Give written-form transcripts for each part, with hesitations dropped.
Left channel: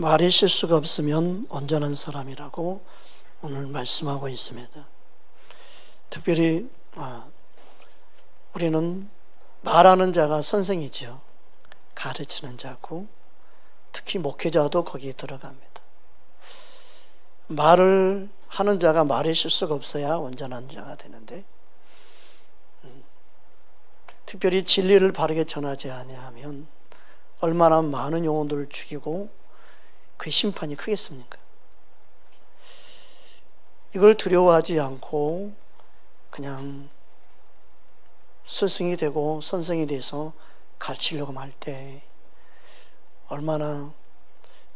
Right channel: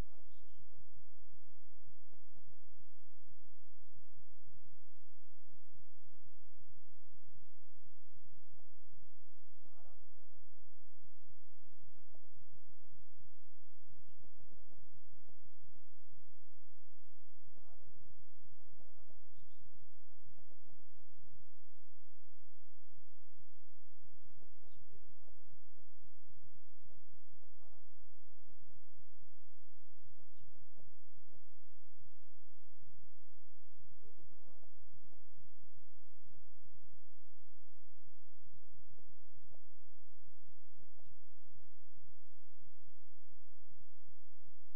말의 실수가 없으면 온전한 사람이라고 오늘 말씀하고 있습니다. 특별히 우리는 말하는 자가 선생이죠. 가르치는 자고 특히 목회자도 거기에 들어갑니다. 말을 하는 자가 말의 실수가 없어야 온전한 자가 되는데, 특별히 진리를 바르게 전하지 아니하면 얼마나 많은 영혼들을 죽이고 그 심판이 크겠습니까? 이걸 두려워하지 않고 그냥 스승이 되고 선생이 돼서 가르치려고 할 때 얼마나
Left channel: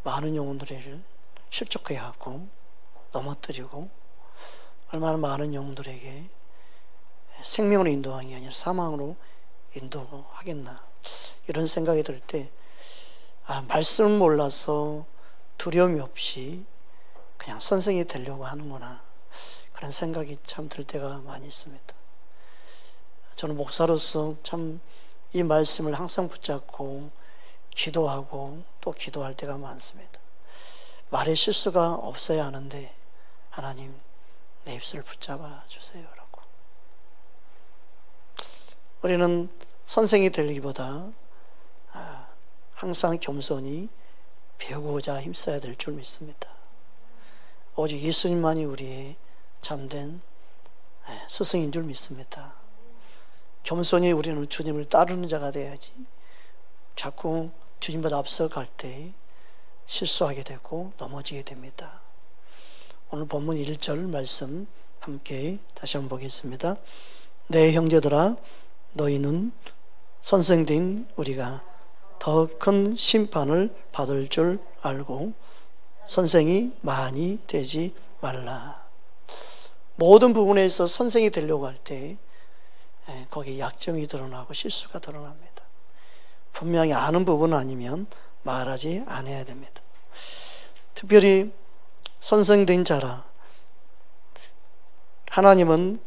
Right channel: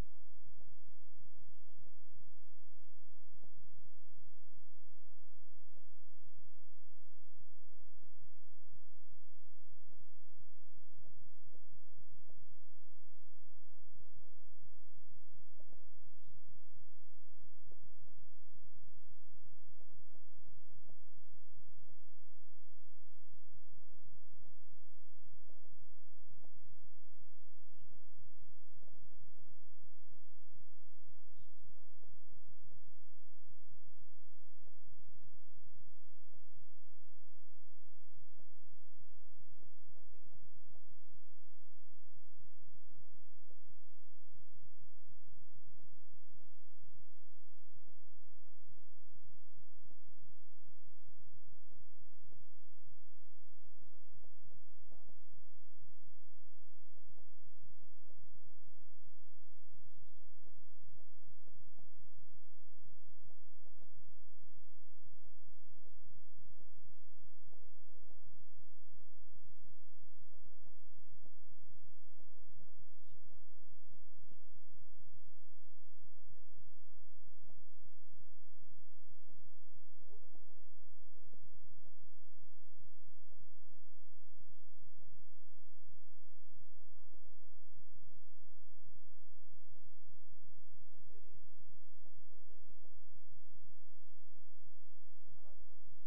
많은 영혼들을 실족해야 하고 넘어뜨리고 얼마나 많은 영혼들에게 생명으로 인도하는 게 아니라 사망으로 인도하겠나, 이런 생각이 들 때 말씀을 몰라서 두려움이 없이 그냥 선생이 되려고 하는구나, 그런 생각이 참 들 때가 많이 있습니다. 저는 목사로서 참 이 말씀을 항상 붙잡고 기도하고 또 기도할 때가 많습니다. 말의 실수가 없어야 하는데 하나님, 내 입술을 붙잡아 주세요 라고. 우리는 선생이 되기보다 항상 겸손히 배우고자 힘써야 될 줄 믿습니다. 오직 예수님만이 우리의 참된 스승인 줄 믿습니다. 겸손히 우리는 주님을 따르는 자가 돼야지 자꾸 주님보다 앞서갈 때 실수하게 되고 넘어지게 됩니다. 오늘 본문 1절 말씀 함께 다시 한번 보겠습니다. 내 형제들아, 너희는 선생된 우리가 더 큰 심판을 받을 줄 알고 선생이 많이 되지 말라. 모든 부분에서 선생이 되려고 할 때 거기에 약점이 드러나고 실수가 드러납니다. 분명히 아는 부분 아니면 말하지 않아야 됩니다. 특별히 선생된 자라, 하나님은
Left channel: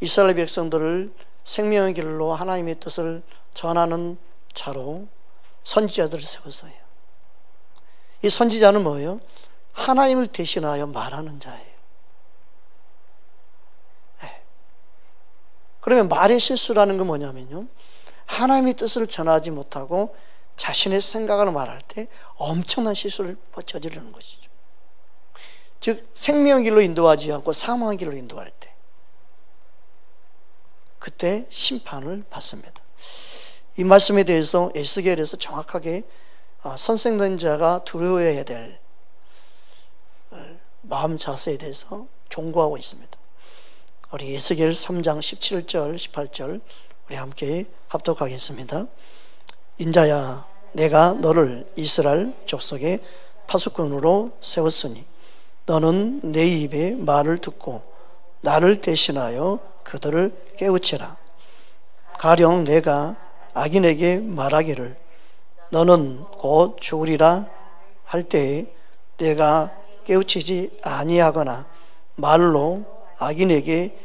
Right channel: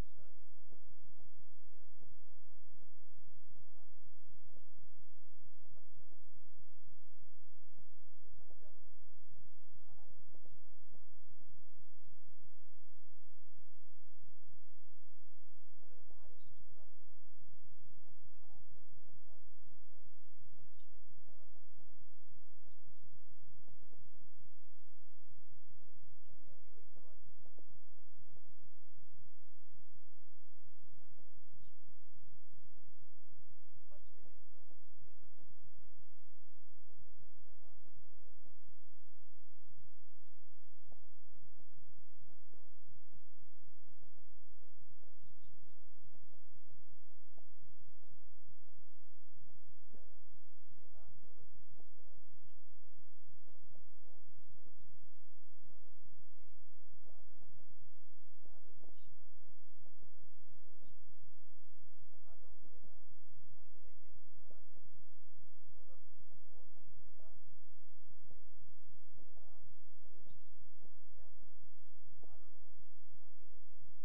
이스라엘 백성들을 생명의 길로 하나님의 뜻을 전하는 자로 선지자들을 세웠어요. 이 선지자는 뭐예요? 하나님을 대신하여 말하는 자예요. 그러면 말의 실수라는 건 뭐냐면요, 하나님의 뜻을 전하지 못하고 자신의 생각을 말할 때 엄청난 실수를 저지르는 것이죠. 즉 생명의 길로 인도하지 않고 사망의 길로 인도할 때, 그때 심판을 받습니다. 이 말씀에 대해서 에스겔에서 정확하게 선생된 자가 두려워해야 될 마음 자세에 대해서 경고하고 있습니다. 우리 에스겔 3장 17절 18절 우리 함께 합독하겠습니다. 인자야, 내가 너를 이스라엘 족속의 파수꾼으로 세웠으니 너는 내 입의 말을 듣고 나를 대신하여 그들을 깨우치라. 가령 내가 악인에게 말하기를 너는 곧 죽으리라 할 때에 내가 깨우치지 아니하거나 말로 악인에게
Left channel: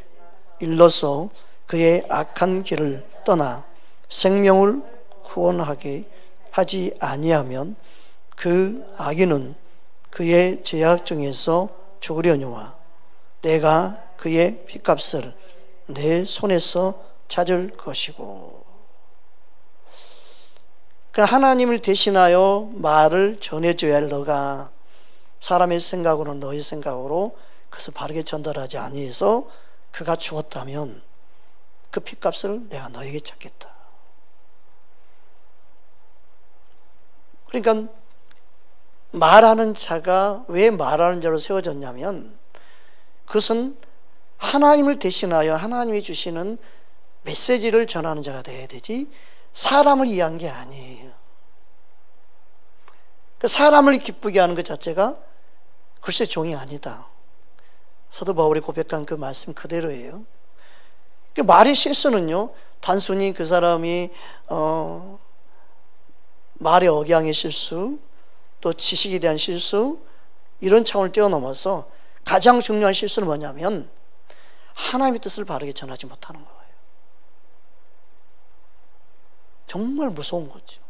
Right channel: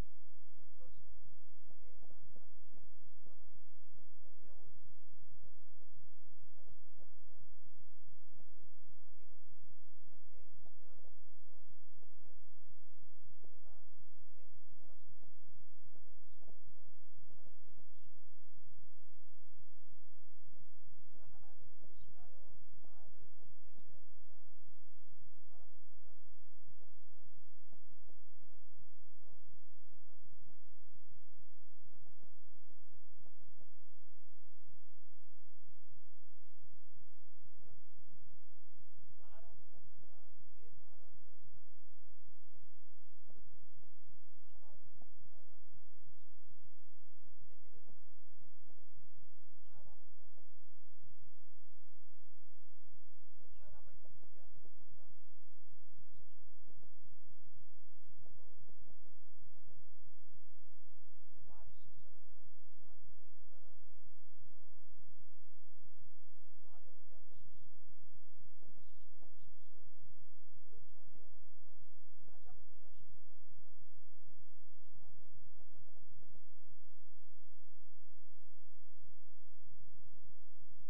일러서 그의 악한 길을 떠나 생명을 구원하게 하지 아니하면 그 악인은 그의 죄악 중에서 죽으려니와 내가 그의 핏값을 내 손에서 찾을 것이고. 하나님을 대신하여 말을 전해줘야 할 너가 사람의 생각으로, 너의 생각으로 그것을 바르게 전달하지 아니해서 그가 죽었다면 그 핏값을 내가 너에게 찾겠다. 그러니까 말하는 자가 왜 말하는 자로 세워졌냐면 그것은 하나님을 대신하여 하나님이 주시는 메시지를 전하는 자가 돼야 되지 사람을 이해한 게 아니에요. 사람을 기쁘게 하는 것 자체가 글쎄 종이 아니다. 사도 바울이 고백한 그 말씀 그대로예요. 말의 실수는요, 단순히 그 사람이 말의 억양의 실수, 또 지식에 대한 실수, 이런 차원을 뛰어넘어서 가장 중요한 실수는 뭐냐면 하나님의 뜻을 바르게 전하지 못하는 거예요. 정말 무서운 거죠.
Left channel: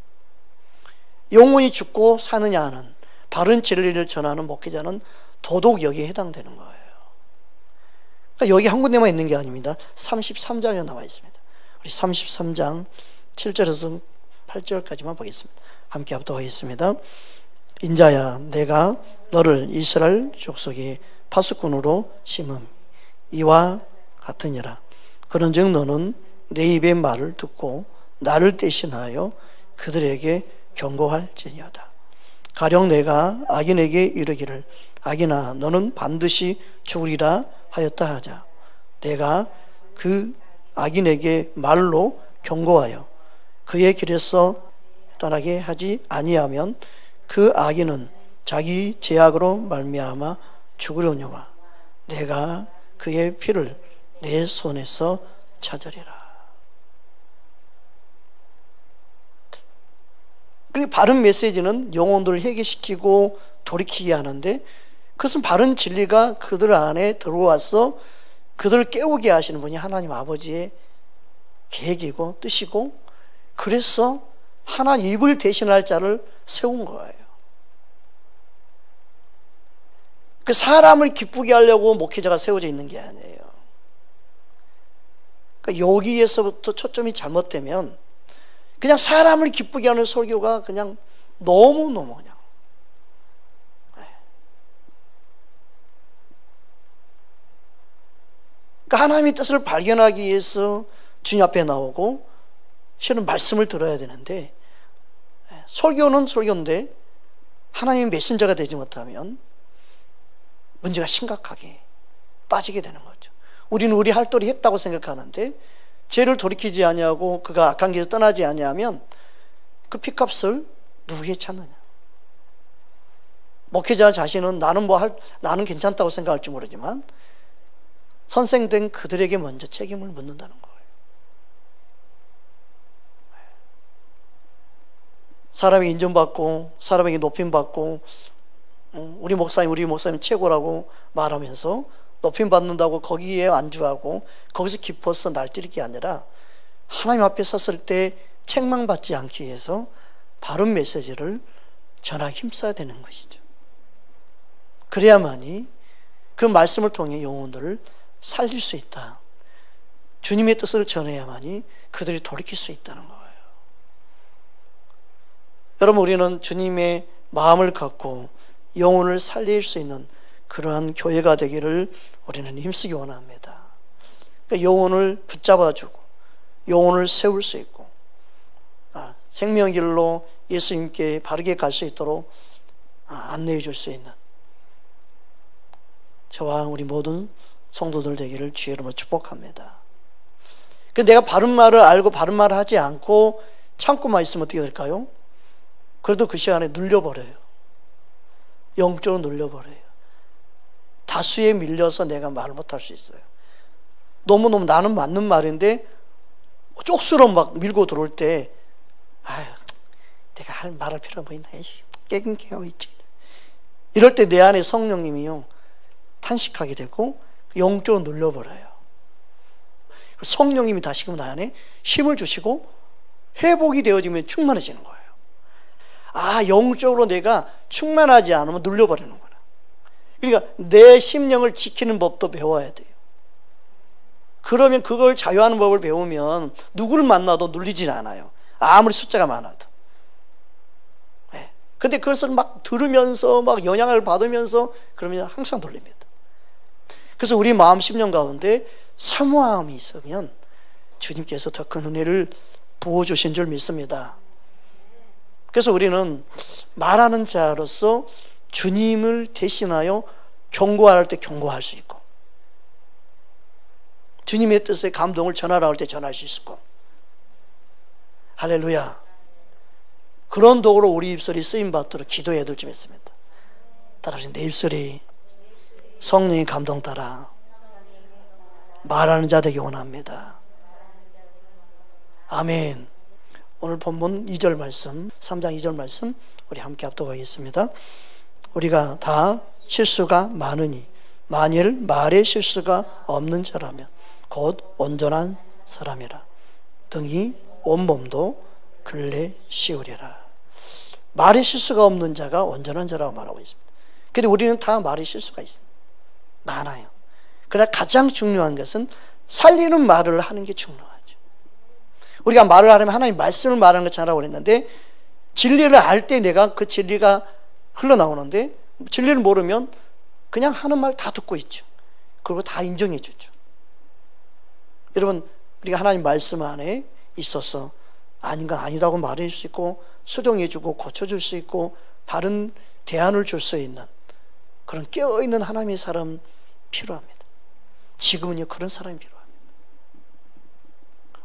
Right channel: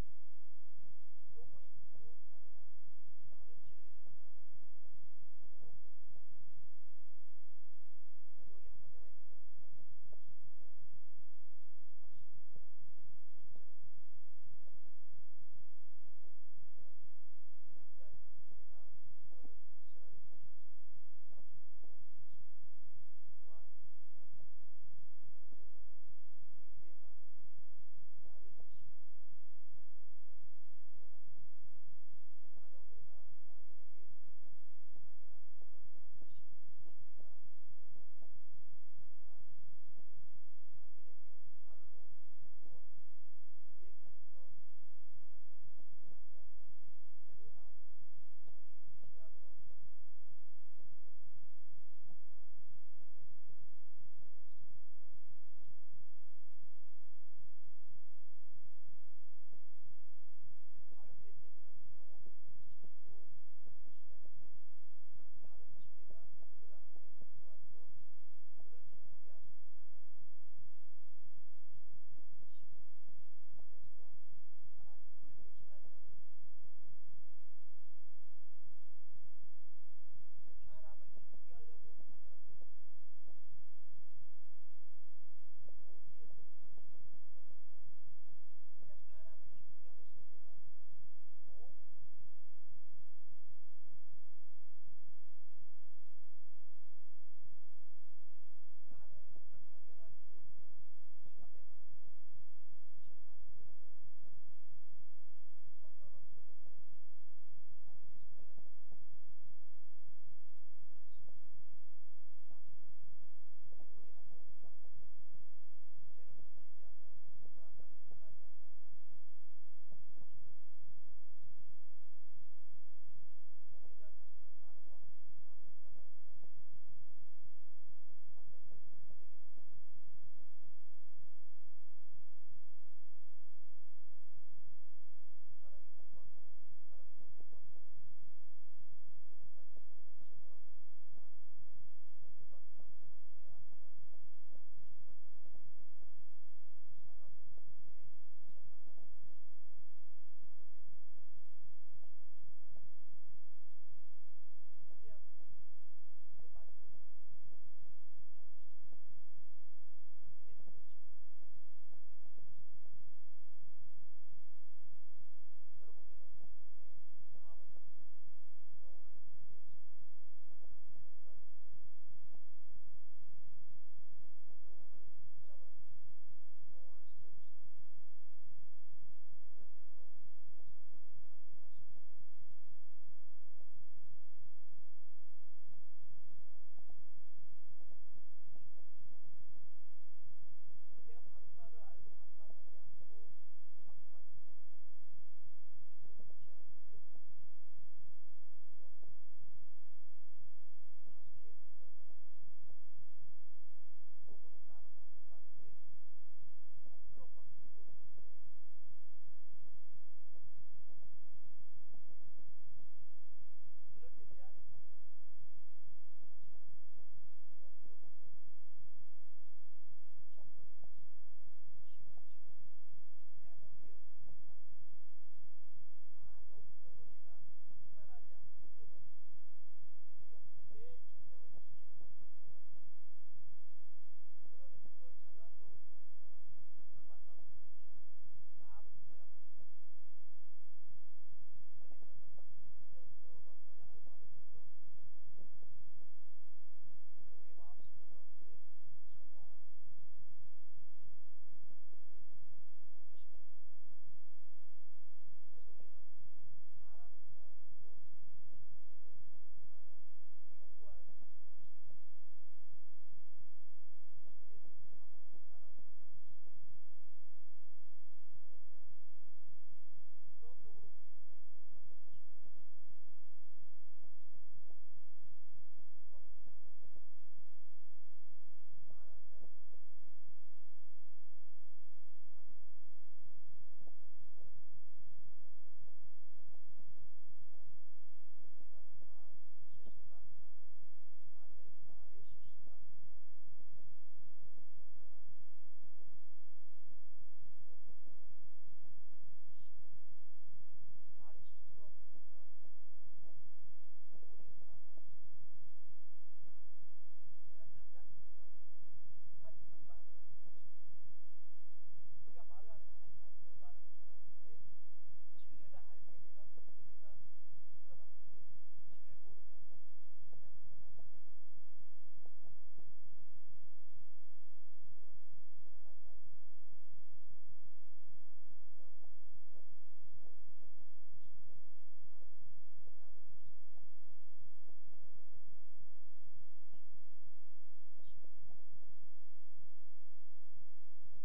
영혼이 죽고 사느냐 하는 바른 진리를 전하는 목회자는 도덕역에 해당되는 거예요. 그러니까 여기 한 군데만 있는 게 아닙니다. 33장에 나와 있습니다. 우리 33장 7절에서 8절까지만 보겠습니다. 함께 합독하겠습니다. 인자야, 내가 너를 이스라엘 족속의 파수꾼으로 심음 이와 같으니라. 그런즉 너는 내 입의 말을 듣고 나를 대신하여 그들에게 경고할지니어다. 가령 내가 악인에게 이르기를 악인아 너는 반드시 죽으리라 하였다 하자. 내가 그 악인에게 말로 경고하여 그의 길에서 떠나게 하지 아니하면 그 악인은 자기 죄악으로 말미암아 죽으려니와 내가 그의 피를 내 손에서 찾으리라. 그리고 바른 메시지는 영혼들을 회개시키고 돌이키게 하는데, 그것은 바른 진리가 그들 안에 들어와서 그들을 깨우게 하시는 분이 하나님 아버지의 계획이고 뜻이고, 그래서 하나님 입을 대신할 자를 세운 거예요. 그 사람을 기쁘게 하려고 목회자가 세워져 있는 게 아니에요. 그러니까 여기에서부터 초점이 잘못되면 그냥 사람을 기쁘게 하는 설교가 그냥 너무너무 그냥 그러니까 하나님의 뜻을 발견하기 위해서 주님 앞에 나오고 실은 말씀을 들어야 되는데, 설교는 설교인데 하나님의 메신저가 되지 못하면 문제가 심각하게 빠지게 되는 거죠. 우리는 우리 할 도리 했다고 생각하는데 죄를 돌이키지 아니하고 그가 악한 길에서 떠나지 아니하면 그 피값을 누구에게 찾느냐. 목회자 자신은 나는 괜찮다고 생각할지 모르지만 선생된 그들에게 먼저 책임을 묻는다는 거예요. 사람이 인정받고 사람에게 높임받고 우리 목사님 최고라고 말하면서 높임받는다고 거기에 안주하고 거기서 깊어서 날뛰는 게 아니라 하나님 앞에 섰을 때 책망받지 않기 위해서 바른 메시지를 전하기 힘써야 되는 것이죠. 그래야만이 그 말씀을 통해 영혼들을 살릴 수 있다. 주님의 뜻을 전해야만이 그들이 돌이킬 수 있다는 거예요. 여러분, 우리는 주님의 마음을 갖고 영혼을 살릴 수 있는 그러한 교회가 되기를 우리는 힘쓰기 원합니다. 그러니까 영혼을 붙잡아주고 영혼을 세울 수 있고 생명의 길로 예수님께 바르게 갈 수 있도록 안내해 줄 수 있는 저와 우리 모든 성도들 되기를 주의 이름으로 축복합니다. 근데 내가 바른 말을 알고 바른 말을 하지 않고 참고만 있으면 어떻게 될까요? 그래도 그 시간에 눌려버려요. 영적으로 눌려버려요. 다수에 밀려서 내가 말을 못할 수 있어요. 너무너무 나는 맞는 말인데 쪽수로 막 밀고 들어올 때 내가 말할 필요가 뭐 있나, 깨갱깨하고 있지. 이럴 때 내 안에 성령님이요 탄식하게 되고 영적으로 눌려버려요. 성령님이 다시금 나 안에 힘을 주시고 회복이 되어지면 충만해지는 거예요. 영적으로 내가 충만하지 않으면 눌려버리는구나. 그러니까 내 심령을 지키는 법도 배워야 돼요. 그러면 그걸 자유하는 법을 배우면 누구를 만나도 눌리진 않아요. 아무리 숫자가 많아도. 근데 그것을 막 들으면서 막 영향을 받으면서 그러면 항상 눌립니다. 그래서 우리 마음 심령 가운데 사모함이 있으면 주님께서 더 큰 은혜를 부어주신 줄 믿습니다. 그래서 우리는 말하는 자로서 주님을 대신하여 경고할 때 경고할 수 있고, 주님의 뜻의 감동을 전하라 할 때 전할 수 있고, 할렐루야. 그런 도구로 우리 입술이 쓰임받도록 기도해야 될 줄 믿습니다. 따라서 내 입술이 성령의 감동 따라 말하는 자 되기 원합니다. 아멘. 오늘 본문 2절 말씀, 3장 2절 말씀 우리 함께 합독하겠습니다. 우리가 다 실수가 많으니 만일 말에 실수가 없는 자라면 곧 온전한 사람이라. 등이 온몸도 근래 씌우리라. 말에 실수가 없는 자가 온전한 자라고 말하고 있습니다. 근데 우리는 다 말에 실수가 있습니다. 많아요. 그러나 가장 중요한 것은 살리는 말을 하는 게 중요하죠. 우리가 말을 하려면 하나님 말씀을 말하는 것 잘하라고 그랬는데, 진리를 알 때 내가 그 진리가 흘러나오는데, 진리를 모르면 그냥 하는 말 다 듣고 있죠. 그리고 다 인정해 주죠. 여러분, 우리가 하나님 말씀 안에 있어서 아닌 건 아니다고 말해 줄 수 있고, 수정해 주고 고쳐줄 수 있고, 바른 대안을 줄 수 있는 그런 깨어있는 하나님의 사람 필요합니다. 지금은요, 그런 사람이 필요합니다.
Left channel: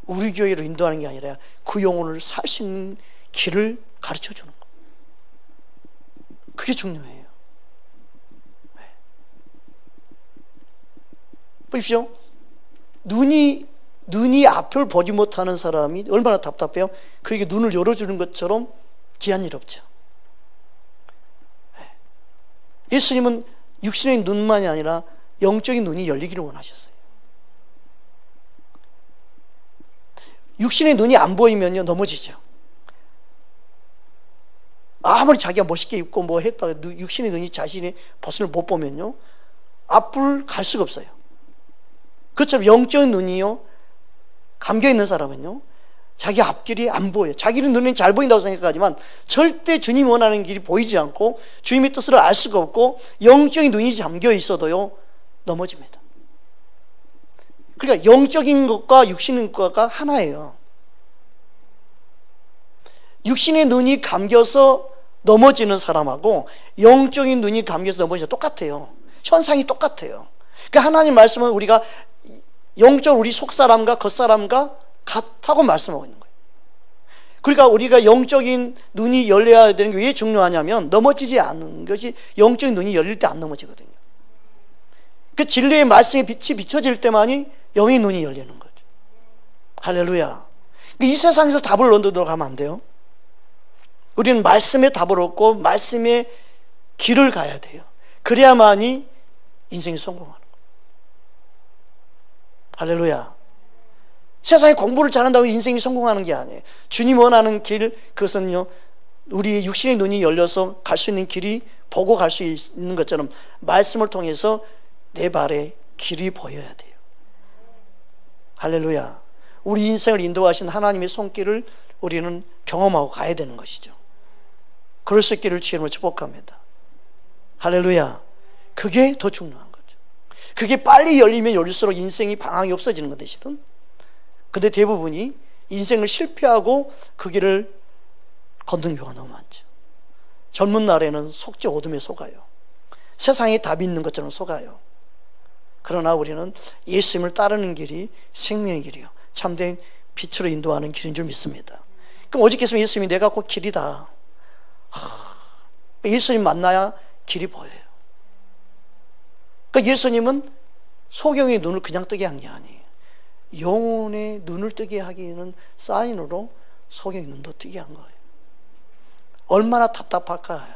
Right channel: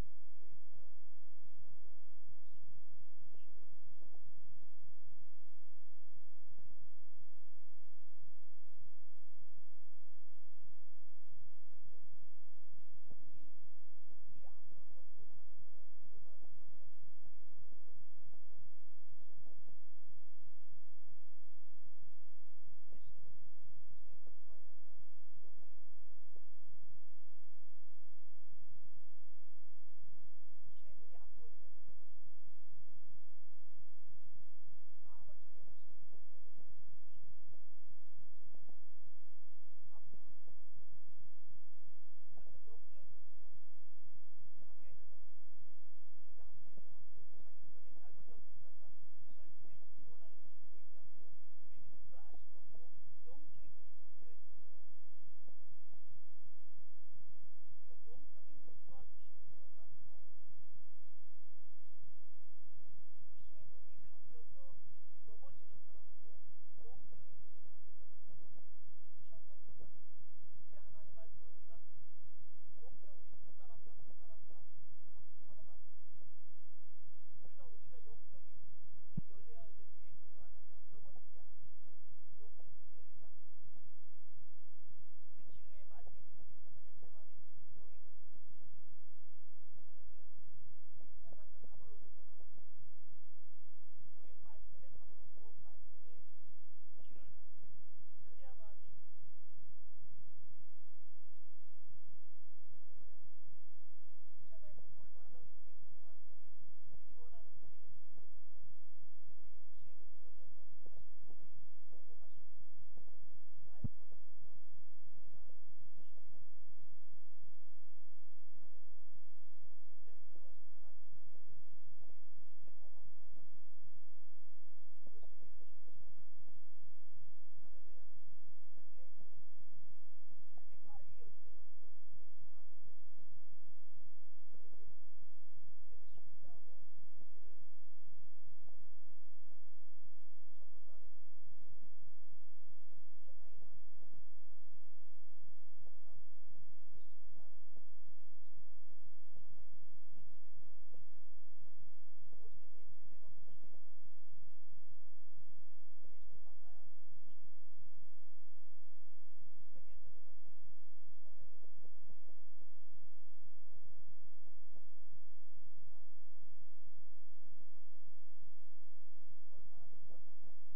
우리 교회로 인도하는 게 아니라 그 영혼을 살 수 있는 길을 가르쳐 주는 거. 그게 중요해요. 네. 보십시오. 눈이 앞을 보지 못하는 사람이 얼마나 답답해요. 그에게 눈을 열어주는 것처럼 귀한 일 없죠. 네. 예수님은 육신의 눈만이 아니라 영적인 눈이 열리기를 원하셨어요. 육신의 눈이 안 보이면요, 넘어지죠. 아무리 자기가 멋있게 입고 뭐 했다가 육신의 눈이 자신의 벗을 못 보면요, 앞을 갈 수가 없어요. 그것처럼 영적인 눈이요, 감겨 있는 사람은요, 자기 앞길이 안 보여요. 자기는 눈이 잘 보인다고 생각하지만 절대 주님이 원하는 길이 보이지 않고 주님의 뜻을 알 수가 없고 영적인 눈이 잠겨 있어도요, 넘어집니다. 그러니까 영적인 것과 육신의 것과 하나예요. 육신의 눈이 감겨서 넘어지는 사람하고 영적인 눈이 감겨서 넘어지는 똑같아요. 현상이 똑같아요. 그러니까 하나님 말씀은 우리가 영적 우리 속사람과 겉사람과 같다고 말씀하고 있는 거예요. 그러니까 우리가 영적인 눈이 열려야 되는 게 왜 중요하냐면, 넘어지지 않는 것이, 영적인 눈이 열릴 때 안 넘어지거든요. 그 진리의 말씀의 빛이 비춰질 때만이 영의 눈이 열리는 거죠. 할렐루야. 이 세상에서 답을 얻으러 가면 안 돼요. 우리는 말씀의 답을 얻고 말씀의 길을 가야 돼요. 그래야만이 인생이 성공하는 거예요. 할렐루야. 세상에 공부를 잘한다고 인생이 성공하는 게 아니에요. 주님 원하는 길, 그것은요, 우리 육신의 눈이 열려서 갈 수 있는 길이, 보고 갈 수 있는 것처럼 말씀을 통해서 내 발에 길이 보여야 돼요. 할렐루야. 우리 인생을 인도하신 하나님의 손길을 우리는 경험하고 가야 되는 것이죠. 그럴 수 있기를 주님을 축복합니다. 할렐루야. 그게 더 중요한 거죠. 그게 빨리 열리면 열릴수록 인생이 방황이 없어지는 것 대신은. 근데 대부분이 인생을 실패하고 그 길을 걷는 경우가 너무 많죠. 젊은 날에는 속지 어둠에 속아요. 세상에 답이 있는 것처럼 속아요. 그러나 우리는 예수님을 따르는 길이 생명의 길이요, 참된 빛으로 인도하는 길인 줄 믿습니다. 그럼 오직께서 예수님이 내가 곧 길이다. 예수님 만나야 길이 보여요. 그러니까 예수님은 소경의 눈을 그냥 뜨게 한 게 아니에요. 영혼의 눈을 뜨게 하기에는 사인으로 소경의 눈도 뜨게 한 거예요. 얼마나 답답할까요?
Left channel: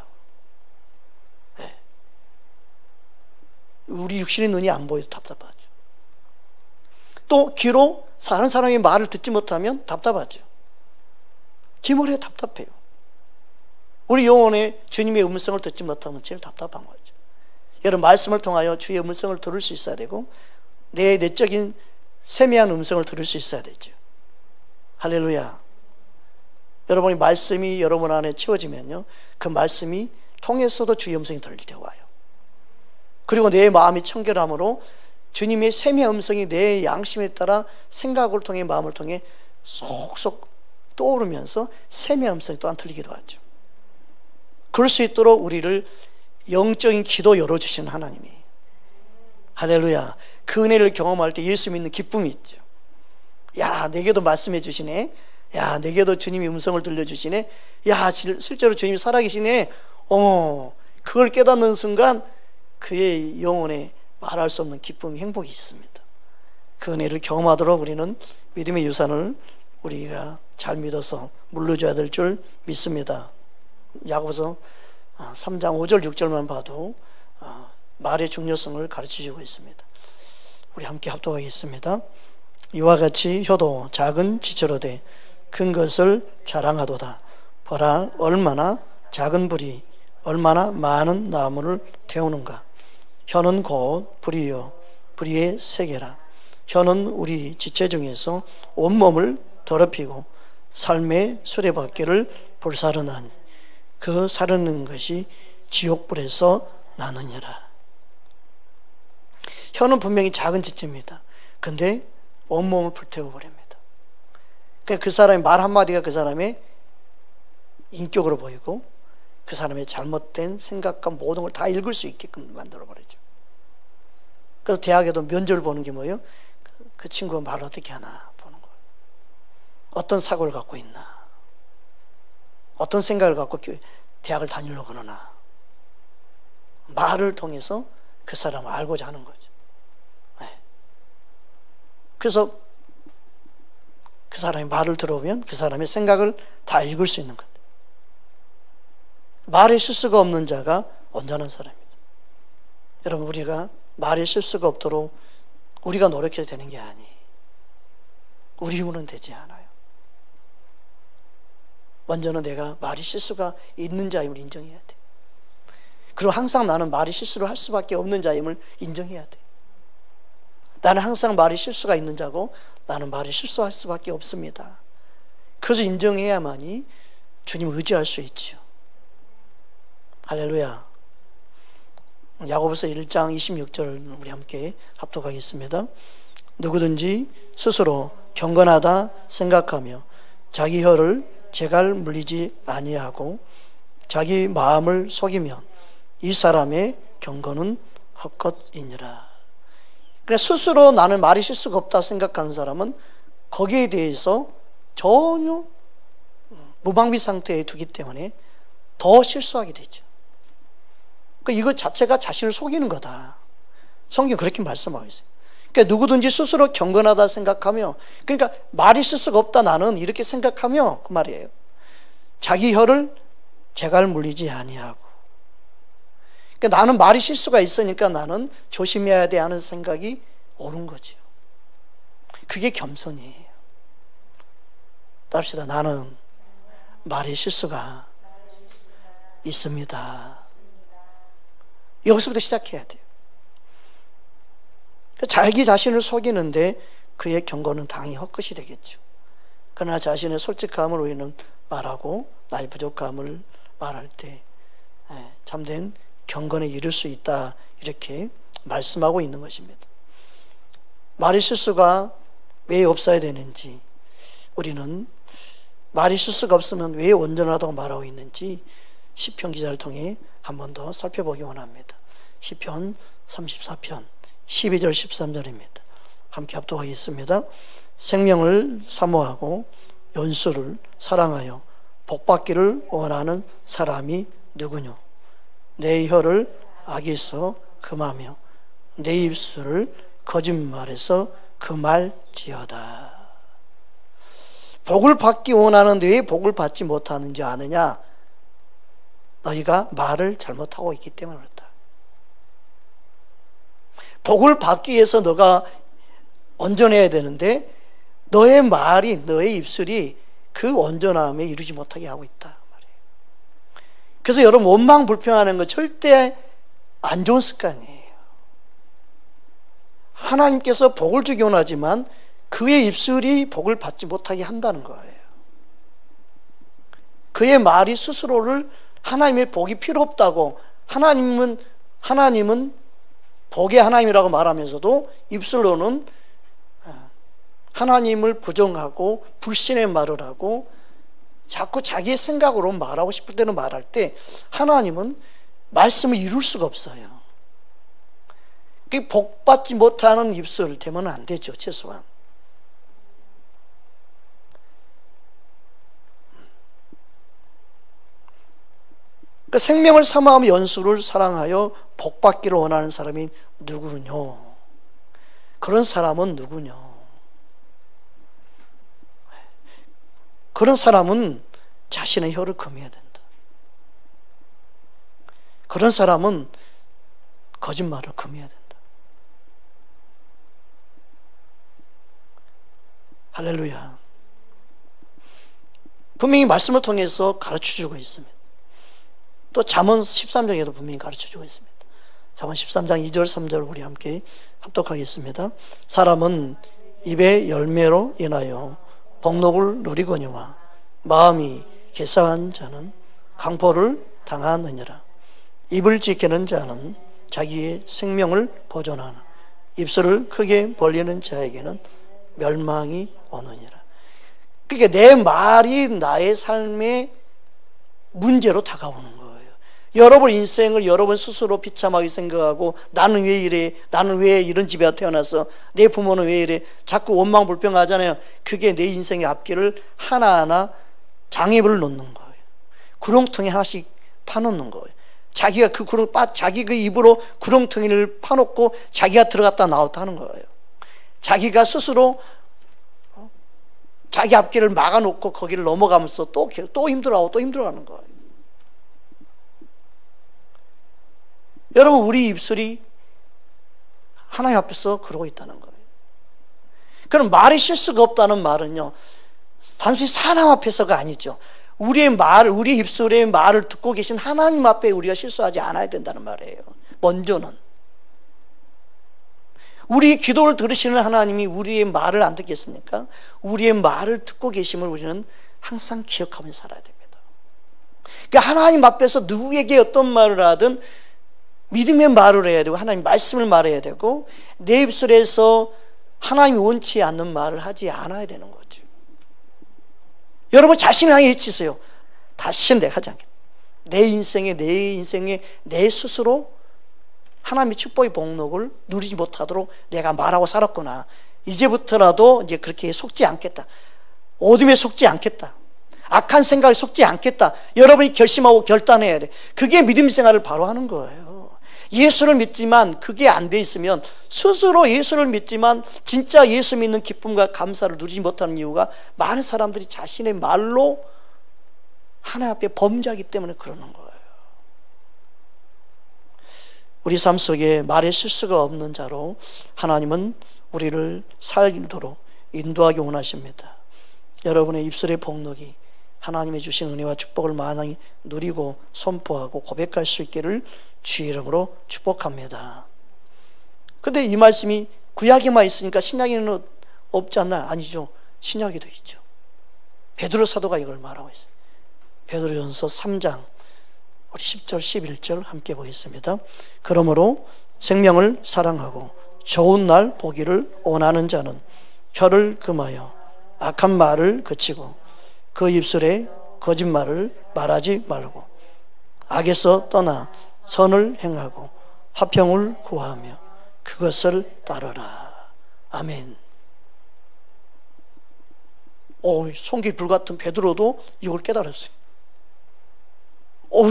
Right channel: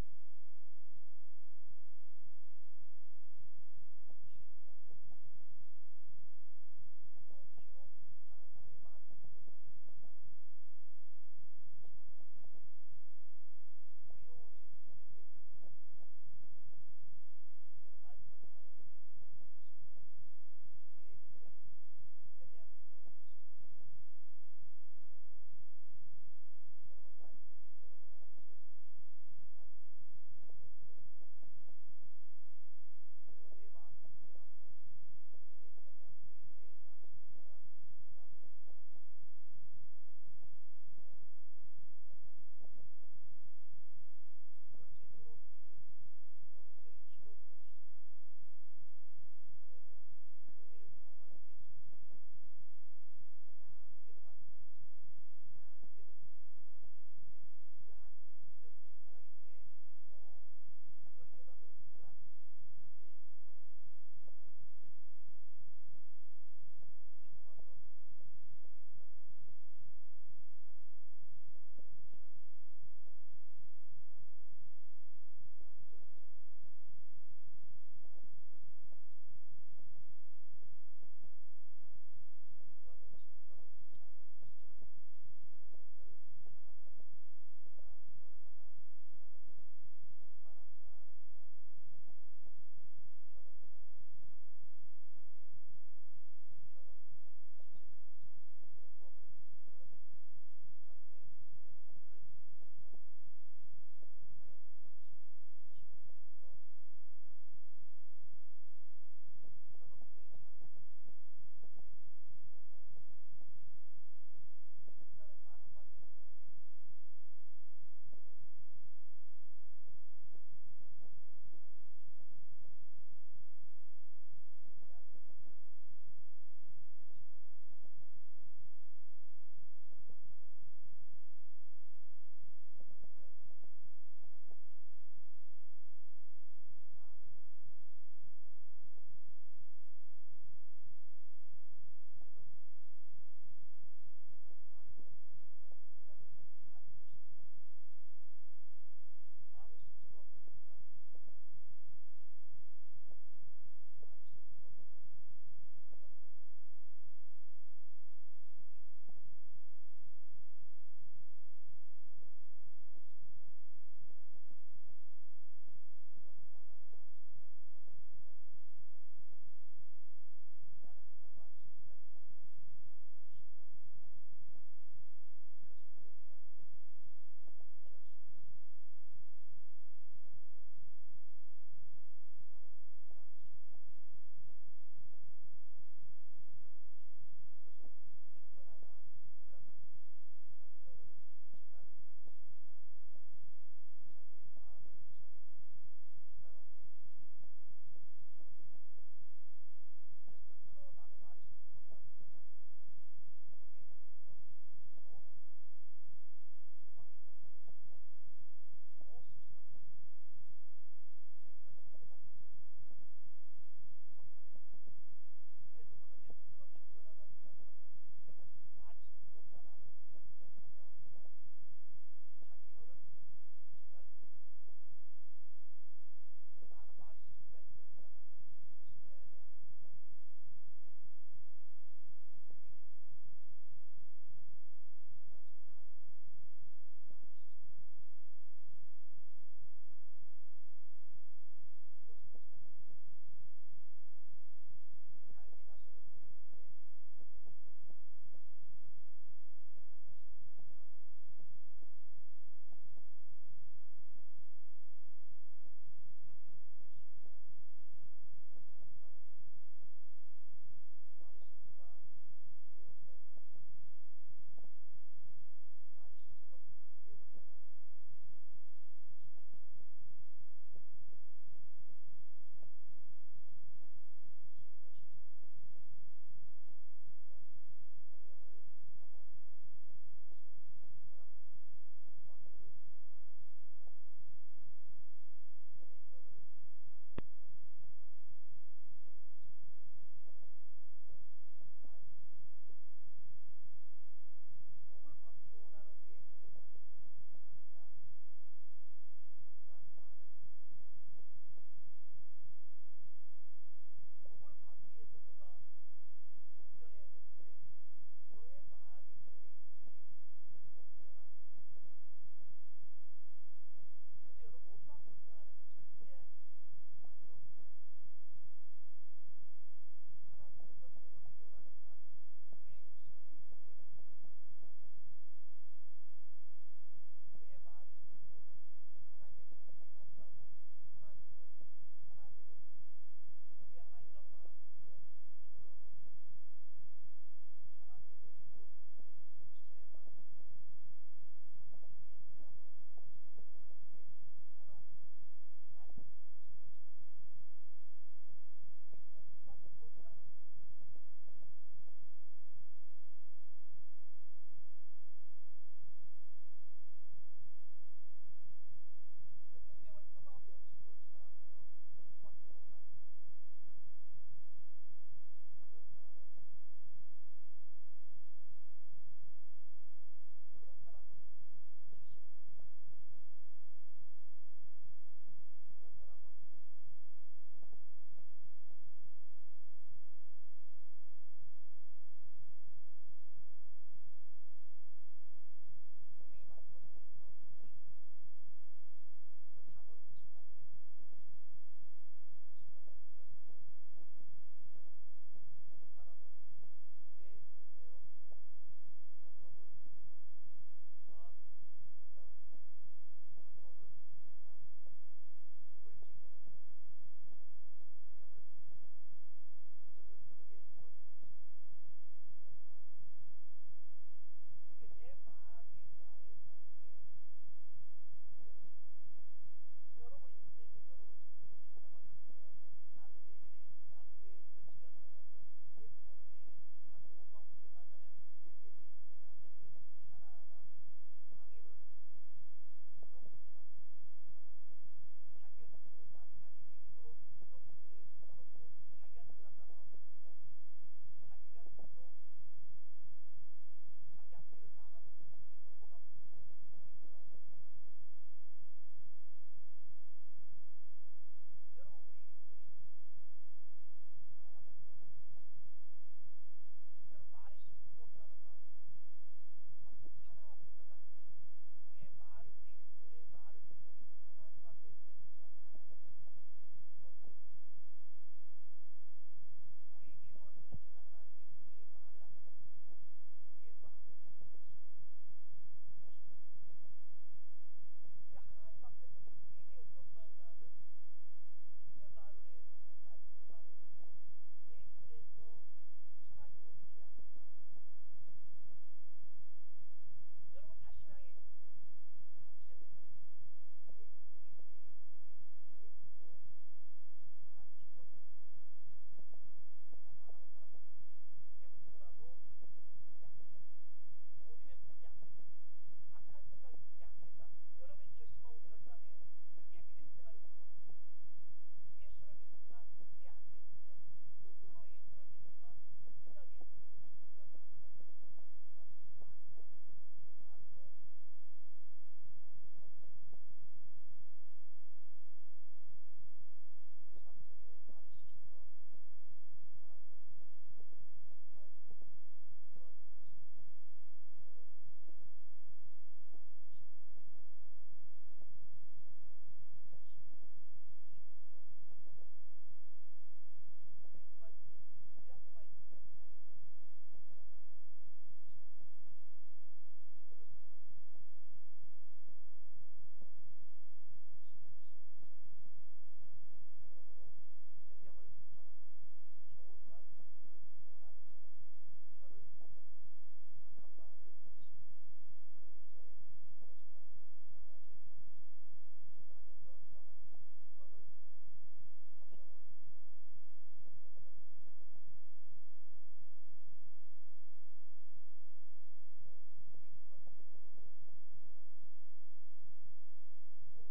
네. 우리 육신의 눈이 안 보여도 답답하죠. 또 귀로 다른 사람의 말을 듣지 못하면 답답하죠. 기모레 답답해요. 우리 영혼의 주님의 음성을 듣지 못하면 제일 답답한 거죠. 여러분, 말씀을 통하여 주의 음성을 들을 수 있어야 되고, 내 내적인 세미한 음성을 들을 수 있어야 되죠. 할렐루야. 여러분이 말씀이 여러분 안에 채워지면요, 그 말씀이 통해서도 주의 음성이 들리게 와요. 그리고 내 마음이 청결함으로 주님의 세미한 음성이 내 양심에 따라 생각을 통해, 마음을 통해 쏙쏙 떠오르면서 세미한 음성이 또한 들리기도 하죠. 그럴 수 있도록 우리를 영적인 기도 열어주시는 하나님이, 할렐루야. 그 은혜를 경험할 때 예수 믿는 기쁨이 있죠. 야, 내게도 말씀해 주시네. 야, 내게도 주님이 음성을 들려주시네. 야, 실제로 주님이 살아계시네. 그걸 깨닫는 순간 그의 영혼에 말할 수 없는 기쁨이, 행복이 있습니다. 그 은혜를 경험하도록 우리는 믿음의 유산을 우리가 잘 믿어서 물려줘야 될 줄 믿습니다. 야고보서 3장 5절 6절만 봐도 말의 중요성을 가르치시고 있습니다. 우리 함께 합독하겠습니다. 이와 같이 혀도 작은 지체로 돼 큰 것을 자랑하도다. 보라, 얼마나 작은 불이 얼마나 많은 나무를 태우는가. 혀는 곧 불이요 불의의 세계라. 혀는 우리 지체 중에서 온몸을 더럽히고 삶의 수레바퀴를 불사르나니 그 사르는 것이 지옥불에서 나느니라. 혀는 분명히 작은 지체입니다. 근데 온몸을 불태워 버립니다. 그러니까 그 사람의 말 한마디가 그 사람의 인격으로 보이고 그 사람의 잘못된 생각과 모든 걸 다 읽을 수 있게끔 만들어 버리죠. 그래서 대학에도 면접을 보는 게 뭐예요? 그 친구가 말을 어떻게 하나 보는 거예요. 어떤 사고를 갖고 있나, 어떤 생각을 갖고 대학을 다니려고 하나, 말을 통해서 그 사람을 알고자 하는 거죠. 네. 그래서 그 사람의 말을 들어보면 그 사람의 생각을 다 읽을 수 있는 거예요. 말에 실수가 없는 자가 온전한 사람입니다. 여러분, 우리가 말에 실수가 없도록 우리가 노력해야 되는 게 아니에요. 우리 힘으로는 되지 않아요. 먼저는 내가 말이 실수가 있는 자임을 인정해야 돼. 그리고 항상 나는 말이 실수를 할 수밖에 없는 자임을 인정해야 돼. 나는 항상 말이 실수가 있는 자고 나는 말이 실수할 수밖에 없습니다. 그래서 인정해야만이 주님을 의지할 수 있죠. 할렐루야. 야고보서 1장 26절 우리 함께 합독하겠습니다. 누구든지 스스로 경건하다 생각하며 자기 혀를 재갈 물리지 아니하고 자기 마음을 속이면 이 사람의 경건은 헛것이니라. 그래, 스스로 나는 말이 실수가 없다 생각하는 사람은 거기에 대해서 전혀 무방비 상태에 두기 때문에 더 실수하게 되죠. 이거 자체가 자신을 속이는 거다. 성경 그렇게 말씀하고 있어요. 그러니까 누구든지 스스로 경건하다 생각하며, 그러니까 말이 실수가 없다 나는 이렇게 생각하며 그 말이에요. 자기 혀를 재갈 물리지 아니하고. 그러니까 나는 말이 실수가 있으니까 나는 조심해야 돼 하는 생각이 옳은 거죠. 그게 겸손이에요. 답시다. 나는 말이 실수가 있습니다. 여기서부터 시작해야 돼요. 자기 자신을 속이는데 그의 경고는 당연히 헛것이 되겠죠. 그러나 자신의 솔직함을 우리는 말하고 나의 부족함을 말할 때 참된 경건에 이를 수 있다, 이렇게 말씀하고 있는 것입니다. 말의 실수가 왜 없어야 되는지, 우리는 말의 실수가 없으면 왜 온전하다고 말하고 있는지 시편 기자를 통해 한 번 더 살펴보기 원합니다. 시편 34편 12절 13절입니다. 함께 합독하겠습니다. 생명을 사모하고 연수를 사랑하여 복받기를 원하는 사람이 누구뇨? 내 혀를 악에서 금하며 내 입술을 거짓말에서 금할지어다. 복을 받기 원하는데 왜 복을 받지 못하는지 아느냐? 너희가 말을 잘못하고 있기 때문에 그렇다. 복을 받기 위해서 너가 온전해야 되는데 너의 말이, 너의 입술이 그 온전함에 이루지 못하게 하고 있다 말이에요. 그래서 여러분, 원망 불평하는 거 절대 안 좋은 습관이에요. 하나님께서 복을 주기 원하지만 그의 입술이 복을 받지 못하게 한다는 거예요. 그의 말이 스스로를 하나님의 복이 필요 없다고, 하나님은 복의 하나님이라고 말하면서도 입술로는 하나님을 부정하고 불신의 말을 하고 자꾸 자기의 생각으로 말하고 싶을 때는 말할 때 하나님은 말씀을 이룰 수가 없어요. 복 받지 못하는 입술 되면 안 되죠, 최소한. 그 생명을 사모하며 연수를 사랑하여 복받기를 원하는 사람이 누구뇨? 그런 사람은 누구뇨? 그런 사람은 자신의 혀를 금해야 된다. 그런 사람은 거짓말을 금해야 된다. 할렐루야. 분명히 말씀을 통해서 가르쳐주고 있습니다. 또 잠언 13장에도 분명히 가르쳐주고 있습니다. 잠언 13장 2절 3절 우리 함께 합독하겠습니다. 사람은 입의 열매로 인하여 복록을 누리거니와 마음이 개사한 자는 강포를 당하느니라. 입을 지키는 자는 자기의 생명을 보존하나 입술을 크게 벌리는 자에게는 멸망이 오느니라. 그러니까 내 말이 나의 삶의 문제로 다가오는 거예요. 여러분 인생을 여러분 스스로 비참하게 생각하고 나는 왜 이래, 나는 왜 이런 집에 태어나서, 내 부모는 왜 이래, 자꾸 원망불평하잖아요. 그게 내 인생의 앞길을 하나하나 장애물을 놓는 거예요. 구렁텅이 하나씩 파놓는 거예요. 자기가 자기 그 입으로 구렁텅이를 파놓고 자기가 들어갔다 나왔다 하는 거예요. 자기가 스스로 자기 앞길을 막아놓고 거기를 넘어가면서 또 힘들어하고 또 힘들어하는 거예요. 여러분, 우리 입술이 하나님 앞에서 그러고 있다는 거예요. 그럼 말이 실수가 없다는 말은요, 단순히 사람 앞에서가 아니죠. 우리의 입술의 말을 듣고 계신 하나님 앞에 우리가 실수하지 않아야 된다는 말이에요. 먼저는 우리 기도를 들으시는 하나님이 우리의 말을 안 듣겠습니까? 우리의 말을 듣고 계심을 우리는 항상 기억하며 살아야 됩니다. 그러니까 하나님 앞에서 누구에게 어떤 말을 하든 믿음의 말을 해야 되고 하나님 말씀을 말해야 되고, 내 입술에서 하나님이 원치 않는 말을 하지 않아야 되는 거죠. 여러분 자신을 향해 외치세요. 다시는 내가 하지 않겠다. 내 인생에 내 스스로 하나님의 축복의 복록을 누리지 못하도록 내가 말하고 살았구나. 이제부터라도 이제 그렇게 속지 않겠다. 어둠에 속지 않겠다. 악한 생각에 속지 않겠다. 여러분이 결심하고 결단해야 돼. 그게 믿음 생활을 바로 하는 거예요. 예수를 믿지만 그게 안 돼 있으면, 스스로 예수를 믿지만 진짜 예수 믿는 기쁨과 감사를 누리지 못하는 이유가, 많은 사람들이 자신의 말로 하나님 앞에 범죄하기 때문에 그러는 거예요. 우리 삶 속에 말에 실수가 없는 자로 하나님은 우리를 살도록 인도하기 원하십니다. 여러분의 입술의 복록이 하나님의 주신 은혜와 축복을 많이 누리고 선포하고 고백할 수 있기를 주의 이름으로 축복합니다. 근데 이 말씀이 구약에만 있으니까 신약에는 없지 않나? 아니죠. 신약에도 있죠. 베드로 사도가 이걸 말하고 있어요. 베드로전서 3장 우리 10절 11절 함께 보겠습니다. 그러므로 생명을 사랑하고 좋은 날 보기를 원하는 자는 혀를 금하여 악한 말을 그치고 그 입술에 거짓말을 말하지 말고 악에서 떠나 선을 행하고 화평을 구하며 그것을 따르라. 아멘. 손길 불같은 베드로도 이걸 깨달았어요.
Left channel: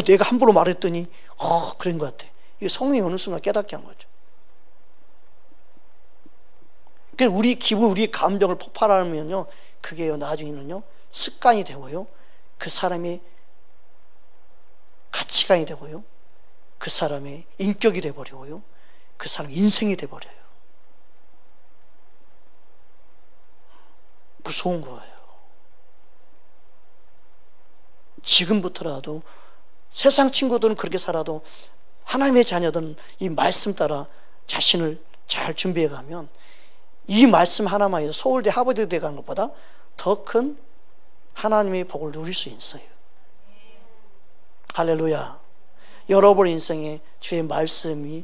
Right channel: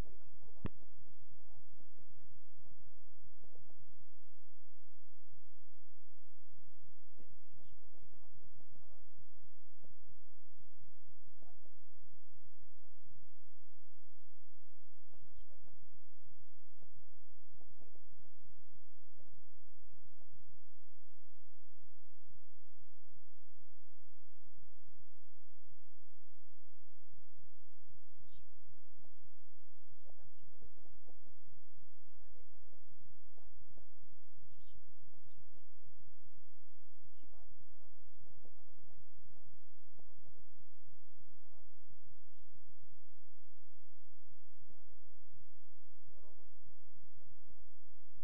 내가 함부로 말했더니 그런 것 같아. 이게 성령이 어느 순간 깨닫게 한 거죠. 그러니까 우리 기분, 우리 감정을 폭발하면요, 그게 나중에는요 습관이 되고요, 그 사람의 가치관이 되고요, 그 사람의 인격이 되어버리고요, 그 사람의 인생이 되어버려요. 무서운 거예요. 지금부터라도 세상 친구들은 그렇게 살아도 하나님의 자녀들은 이 말씀 따라 자신을 잘 준비해 가면 이 말씀 하나만 해도 서울대 하버드대 가는 것보다 더 큰 하나님의 복을 누릴 수 있어요. 할렐루야. 여러분 인생에 주의 말씀이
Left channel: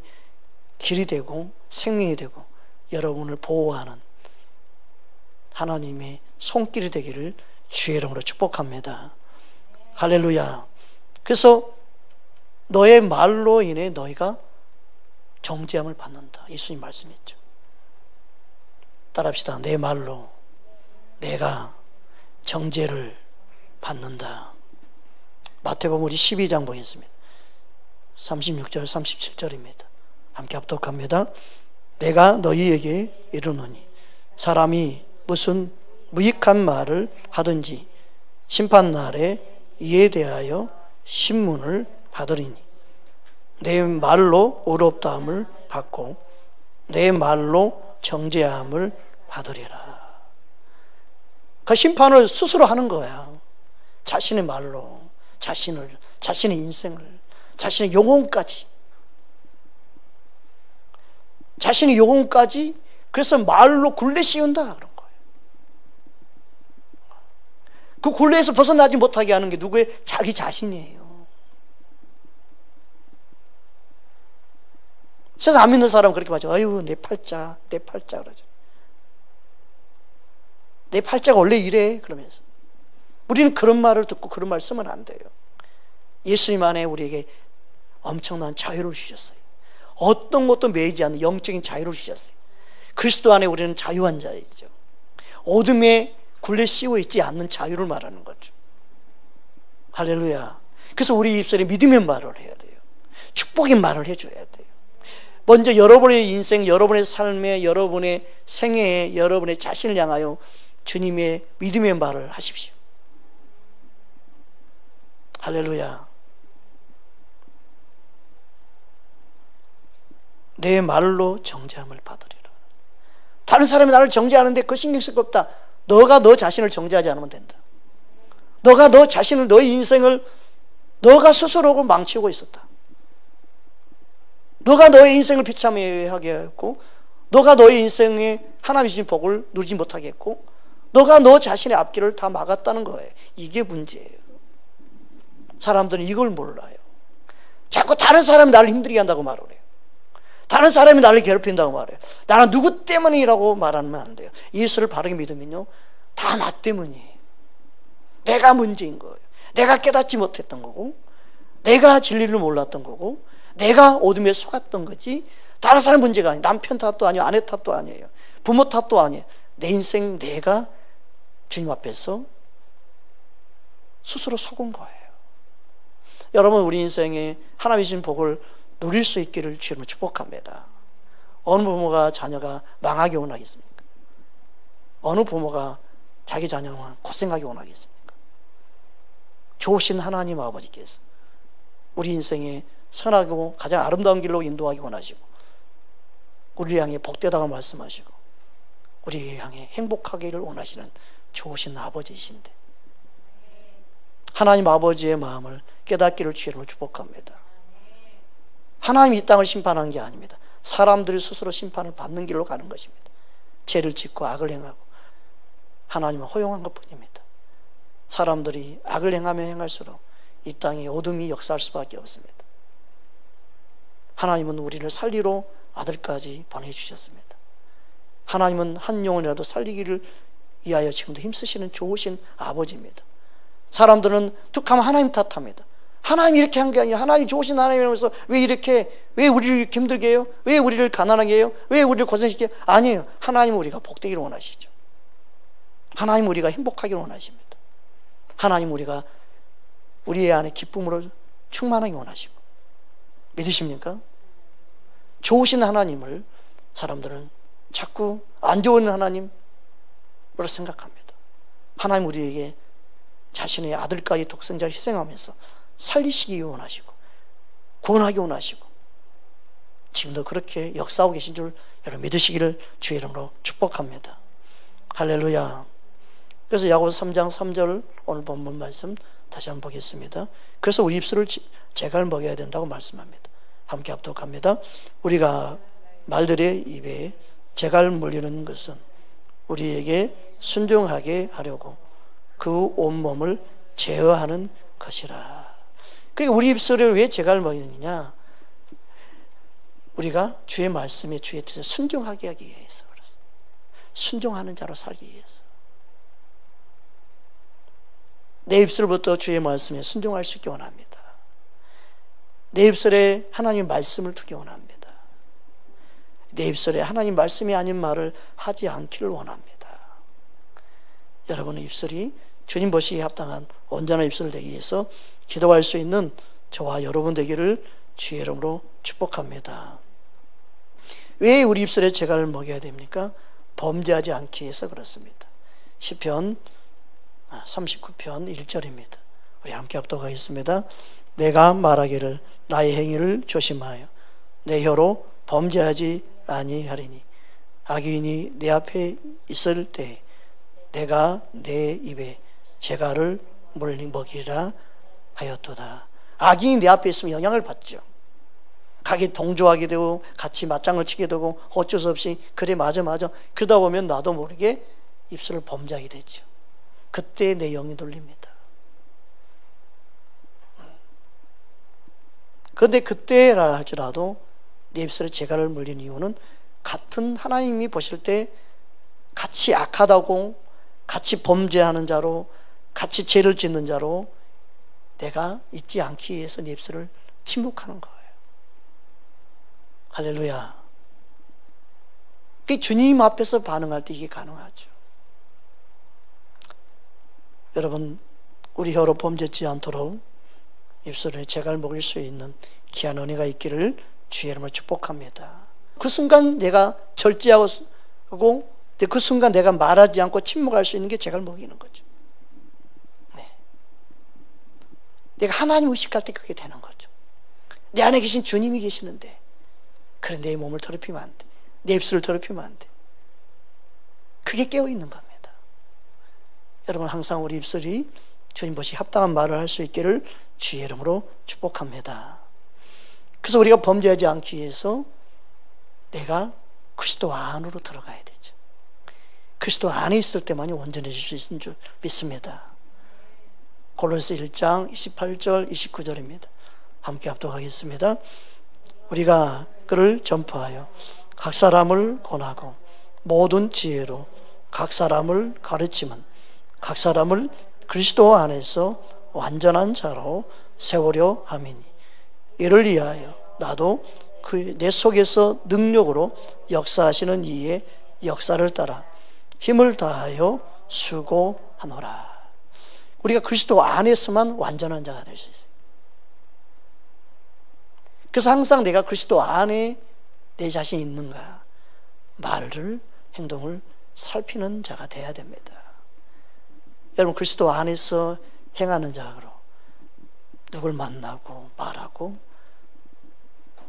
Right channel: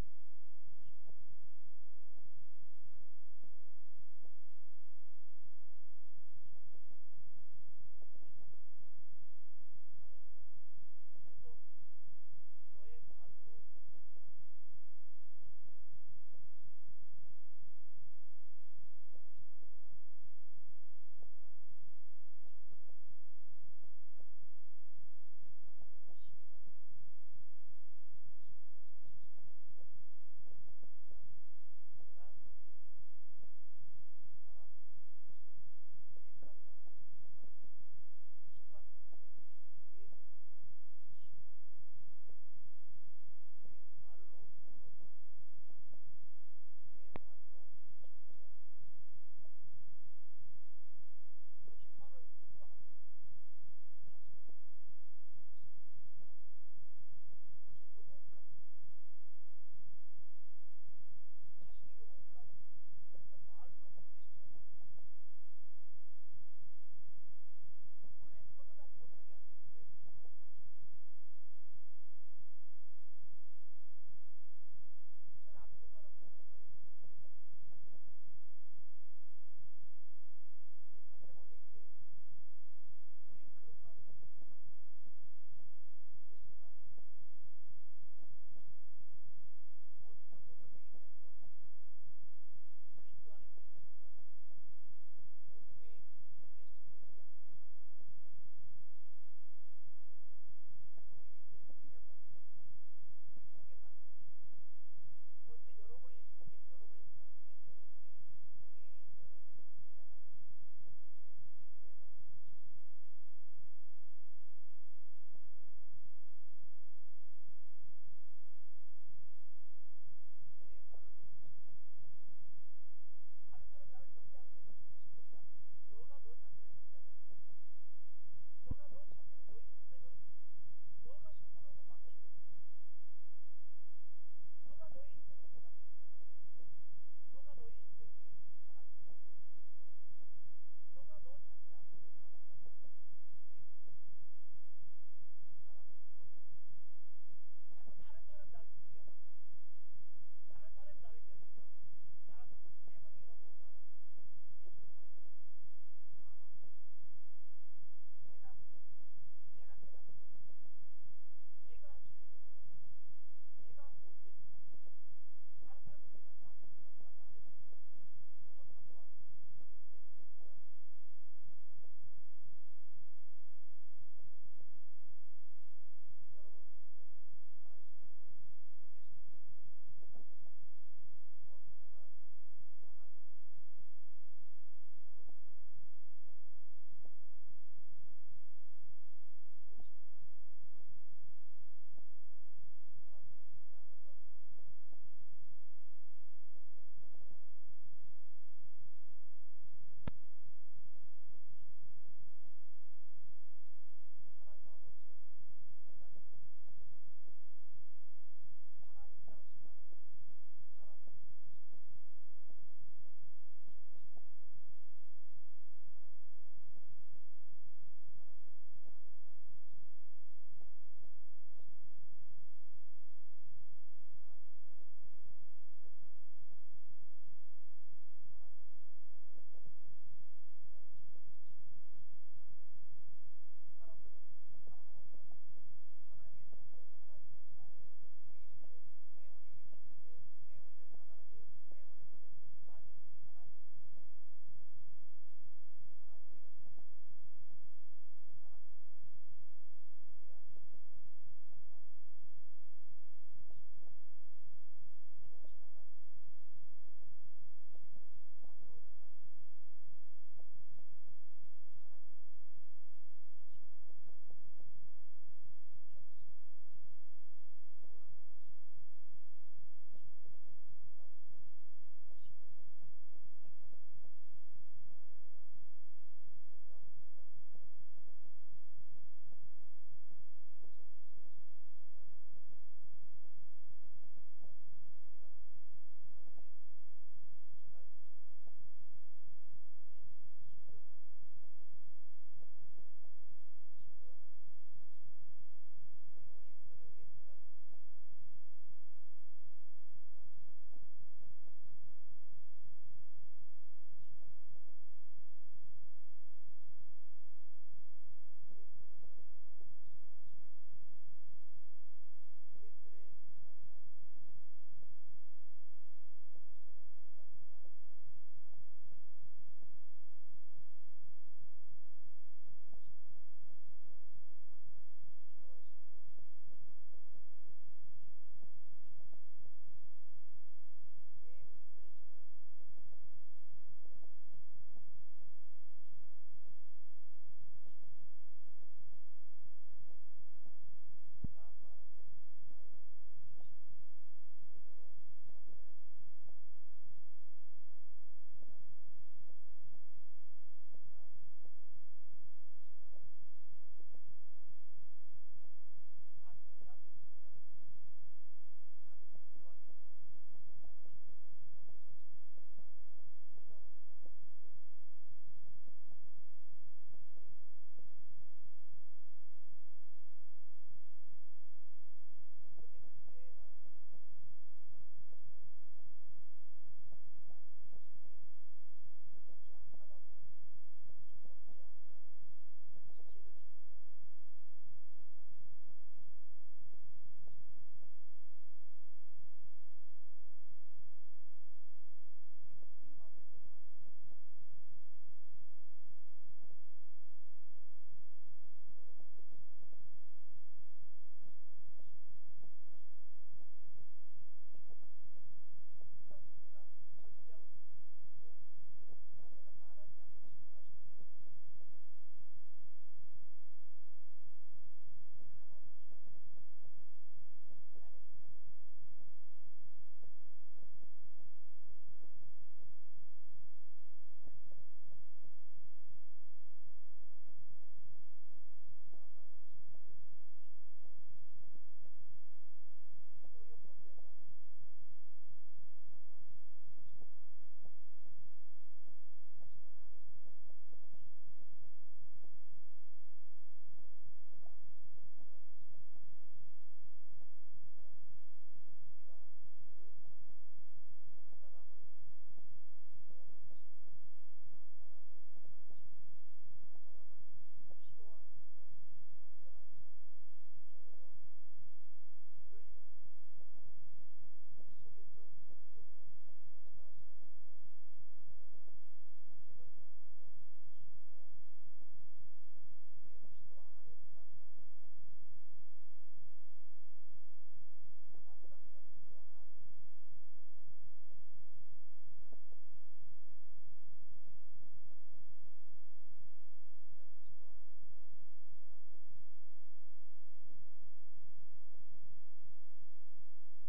길이 되고 생명이 되고 여러분을 보호하는 하나님의 손길이 되기를 주의 이름으로 축복합니다. 할렐루야. 그래서 너의 말로 인해 너희가 정죄함을 받는다. 예수님 말씀했죠. 따라합시다. 내 말로 내가 정죄를 받는다. 마태복음 우리 12장 보겠습니다. 36절 37절입니다. 함께 합독합니다. 내가 너희에게 이르노니 사람이 무슨 무익한 말을 하든지 심판날에 이에 대하여 신문을 받으리니 내 말로 의롭다함을 받고 내 말로 정죄함을 받으리라. 그 심판을 스스로 하는 거야. 자신의 말로 자신의 인생을 자신의 영혼까지, 자신의 영혼까지, 그래서 말로 굴레 씌운다 그런 거예요. 그 굴레에서 벗어나지 못하게 하는 게 누구의? 자기 자신이에요. 그래서 안 믿는 사람은 그렇게 말하죠. 아유, 내 팔자, 내 팔자 그러죠. 내 팔자가 원래 이래 그러면서. 우리는 그런 말을 듣고 그런 말 쓰면 안 돼요. 예수님 안에 우리에게 엄청난 자유를 주셨어요. 어떤 것도 매이지 않는 영적인 자유를 주셨어요. 그리스도 안에 우리는 자유한 자이죠. 어둠에 굴레 씌워 있지 않는 자유를 말하는 거죠. 할렐루야. 그래서 우리 입술에 믿음의 말을 해야 돼요. 축복의 말을 해줘야 돼요. 먼저 여러분의 인생, 여러분의 삶에, 여러분의 생애에, 여러분의 자신을 향하여 주님의 믿음의 말을 하십시오. 할렐루야. 내 말로 정죄함을 받으리라. 다른 사람이 나를 정죄하는데 그거 신경 쓸 거 없다. 너가 너 자신을 정죄하지 않으면 된다. 너가 너 자신을, 너의 인생을 너가 스스로 망치고 있었다. 너가 너의 인생을 비참하게 했고, 너가 너의 인생에 하나님이 주신 복을 누리지 못하게 했고, 너가 너 자신의 앞길을 다 막았다는 거예요. 이게 문제예요. 사람들은 이걸 몰라요. 자꾸 다른 사람이 나를 힘들게 한다고 말을 해요. 다른 사람이 나를 괴롭힌다고 말해요. 나는 누구 때문이라고 말하면 안 돼요. 예수를 바르게 믿으면요, 다 나 때문이에요. 내가 문제인 거예요. 내가 깨닫지 못했던 거고, 내가 진리를 몰랐던 거고, 내가 어둠에 속았던 거지, 다른 사람 문제가 아니에요. 남편 탓도 아니에요. 아내 탓도 아니에요. 부모 탓도 아니에요. 내 인생 내가 주님 앞에서 스스로 속은 거예요. 여러분, 우리 인생에 하나님이 주신 복을 누릴 수 있기를 주님을 축복합니다. 어느 부모가 자녀가 망하게 원하겠습니까? 어느 부모가 자기 자녀만 고생하게 원하겠습니까? 좋으신 하나님 아버지께서 우리 인생에 선하고 가장 아름다운 길로 인도하기 원하시고, 우리를 향해 복되다고 말씀하시고, 우리를 향해 행복하기를 원하시는 좋으신 아버지이신데, 하나님 아버지의 마음을 깨닫기를 주님을 축복합니다. 하나님이 이 땅을 심판하는 게 아닙니다. 사람들이 스스로 심판을 받는 길로 가는 것입니다. 죄를 짓고 악을 행하고 하나님은 허용한 것뿐입니다. 사람들이 악을 행하면 행할수록 이 땅에 어둠이 역사할 수밖에 없습니다. 하나님은 우리를 살리러 아들까지 보내주셨습니다. 하나님은 한 영혼이라도 살리기를 위하여 지금도 힘쓰시는 좋으신 아버지입니다. 사람들은 툭하면 하나님 탓합니다. 하나님이 이렇게 한 게 아니에요. 하나님이 좋으신 하나님이라면서 왜 우리를 이렇게 힘들게 해요? 왜 우리를 가난하게 해요? 왜 우리를 고생시켜요? 아니에요. 하나님은 우리가 복되기를 원하시죠. 하나님은 우리가 행복하기를 원하십니다. 하나님은 우리가 우리의 안에 기쁨으로 충만하게 원하시고, 믿으십니까? 좋으신 하나님을 사람들은 자꾸 안 좋은 하나님으로 생각합니다. 하나님 우리에게 자신의 아들까지 독생자를 희생하면서 살리시기 원하시고 구원하기 원하시고 지금도 그렇게 역사하고 계신 줄 여러분 믿으시기를 주의 이름으로 축복합니다. 할렐루야. 그래서 야고보서 3장 3절 오늘 본문 말씀 다시 한번 보겠습니다. 그래서 우리 입술을 재갈 먹여야 된다고 말씀합니다. 함께 합독합니다. 우리가 말들의 입에 재갈 물리는 것은 우리에게 순종하게 하려고 그 온몸을 제어하는 것이라. 그러니까 우리 입술을 왜 재갈 먹이느냐? 우리가 주의 말씀에 주의 뜻에 순종하게 하기 위해서 그렇습니다. 순종하는 자로 살기 위해서. 내 입술부터 주의 말씀에 순종할 수 있기 원합니다. 내 입술에 하나님의 말씀을 두기 원합니다. 내 입술에 하나님 말씀이 아닌 말을 하지 않기를 원합니다. 여러분의 입술이 주님 보시기에 합당한 온전한 입술 되기 위해서 기도할 수 있는 저와 여러분 되기를 주의 이름으로 축복합니다. 왜 우리 입술에 재갈을 먹여야 됩니까? 범죄하지 않기 위해서 그렇습니다. 시편 39편 1절입니다. 우리 함께 합독하겠습니다. 내가 말하기를 나의 행위를 조심하여 내 혀로 범죄하지 아니하리니 악인이 내 앞에 있을 때 내가 내 입에 재갈을 먹이라 하였도다. 악인이 내 앞에 있으면 영향을 받죠. 가게 동조하게 되고 같이 맞장을 치게 되고 어쩔 수 없이 그래 맞아 그러다 보면 나도 모르게 입술을 범죄하게 되죠. 그때 내 영이 돌립니다. 그런데 그때라 할지라도 내 입술에 재갈을 물린 이유는 같은 하나님이 보실 때 같이 악하다고, 같이 범죄하는 자로, 같이 죄를 짓는 자로 내가 잊지 않기 위해서 내 입술을 침묵하는 거예요. 할렐루야. 주님 앞에서 반응할 때 이게 가능하죠. 여러분, 우리 혀로 범죄치 않도록 입술에 재갈 먹일 수 있는 귀한 은혜가 있기를 주의 이름으로 축복합니다. 그 순간 내가 절제하고 그 순간 내가 말하지 않고 침묵할 수 있는 게 재갈 먹이는 거죠. 네. 내가 하나님 의식할 때 그게 되는 거죠. 내 안에 계신 주님이 계시는데 그래 내 몸을 더럽히면 안 돼. 내 입술을 더럽히면 안 돼. 그게 깨어있는 겁니다. 여러분, 항상 우리 입술이 주님 보시 합당한 말을 할 수 있기를 주의 이름으로 축복합니다. 그래서 우리가 범죄하지 않기 위해서 내가 그리스도 안으로 들어가야 되죠. 그리스도 안에 있을 때만이 온전해질 수 있는 줄 믿습니다. 골로새 1장 28절 29절입니다. 함께 합독하겠습니다. 우리가 그를 전파하여 각 사람을 권하고 모든 지혜로 각 사람을 가르치면 각 사람을 그리스도 안에서 완전한 자로 세우려 함이니 이를 위하여 나도 그 내 속에서 능력으로 역사하시는 이의 역사를 따라 힘을 다하여 수고하노라. 우리가 그리스도 안에서만 완전한 자가 될 수 있어요. 그래서 항상 내가 그리스도 안에 내 자신이 있는가 말을, 행동을 살피는 자가 되어야 됩니다. 여러분, 그리스도 안에서 행하는 자로 누굴 만나고 말하고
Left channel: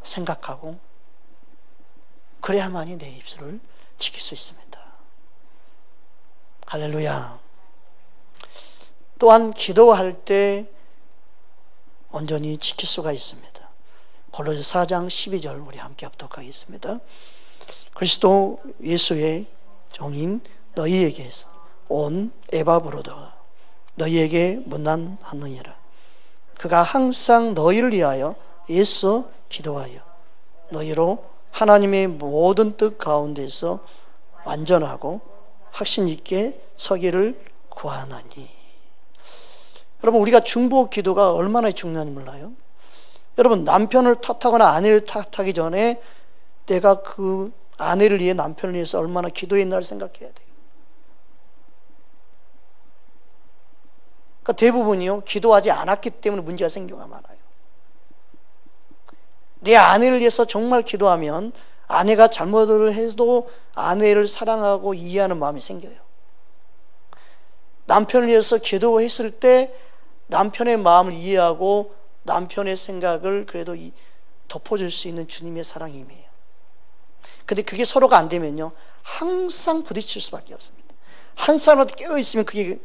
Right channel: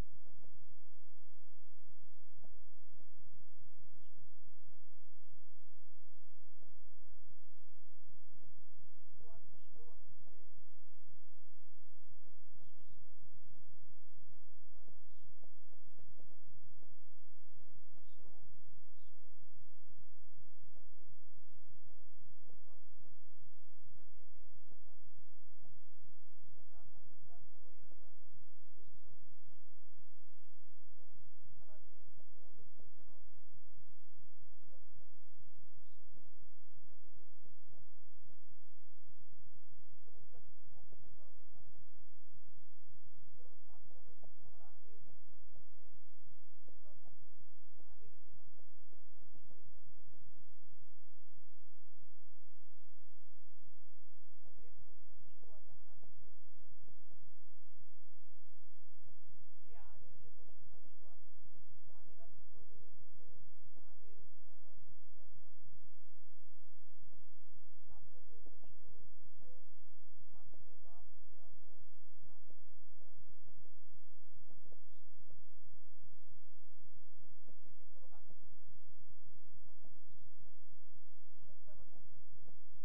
생각하고 그래야만이 내 입술을 지킬 수 있습니다. 할렐루야. 또한 기도할 때 온전히 지킬 수가 있습니다. 골로새 4장 12절 우리 함께 합독하겠습니다. 그리스도 예수의 종인 너희에게서 온 에바브로다가 너희에게 문안하느니라. 그가 항상 너희를 위하여 애써 기도하여 너희로 하나님의 모든 뜻 가운데서 완전하고 확신 있게 서기를 구하나니. 여러분, 우리가 중보 기도가 얼마나 중요한지 몰라요? 여러분, 남편을 탓하거나 아내를 탓하기 전에 내가 그 아내를 위해 남편을 위해서 얼마나 기도했나를 생각해야 돼요. 그러니까 대부분이요, 기도하지 않았기 때문에 문제가 생기가 많아요. 내 아내를 위해서 정말 기도하면 아내가 잘못을 해도 아내를 사랑하고 이해하는 마음이 생겨요. 남편을 위해서 기도했을 때 남편의 마음을 이해하고 남편의 생각을 그래도 덮어줄 수 있는 주님의 사랑이 임해요. 근데 그게 서로가 안 되면요, 항상 부딪힐 수밖에 없습니다. 한 사람한테 깨어있으면 그게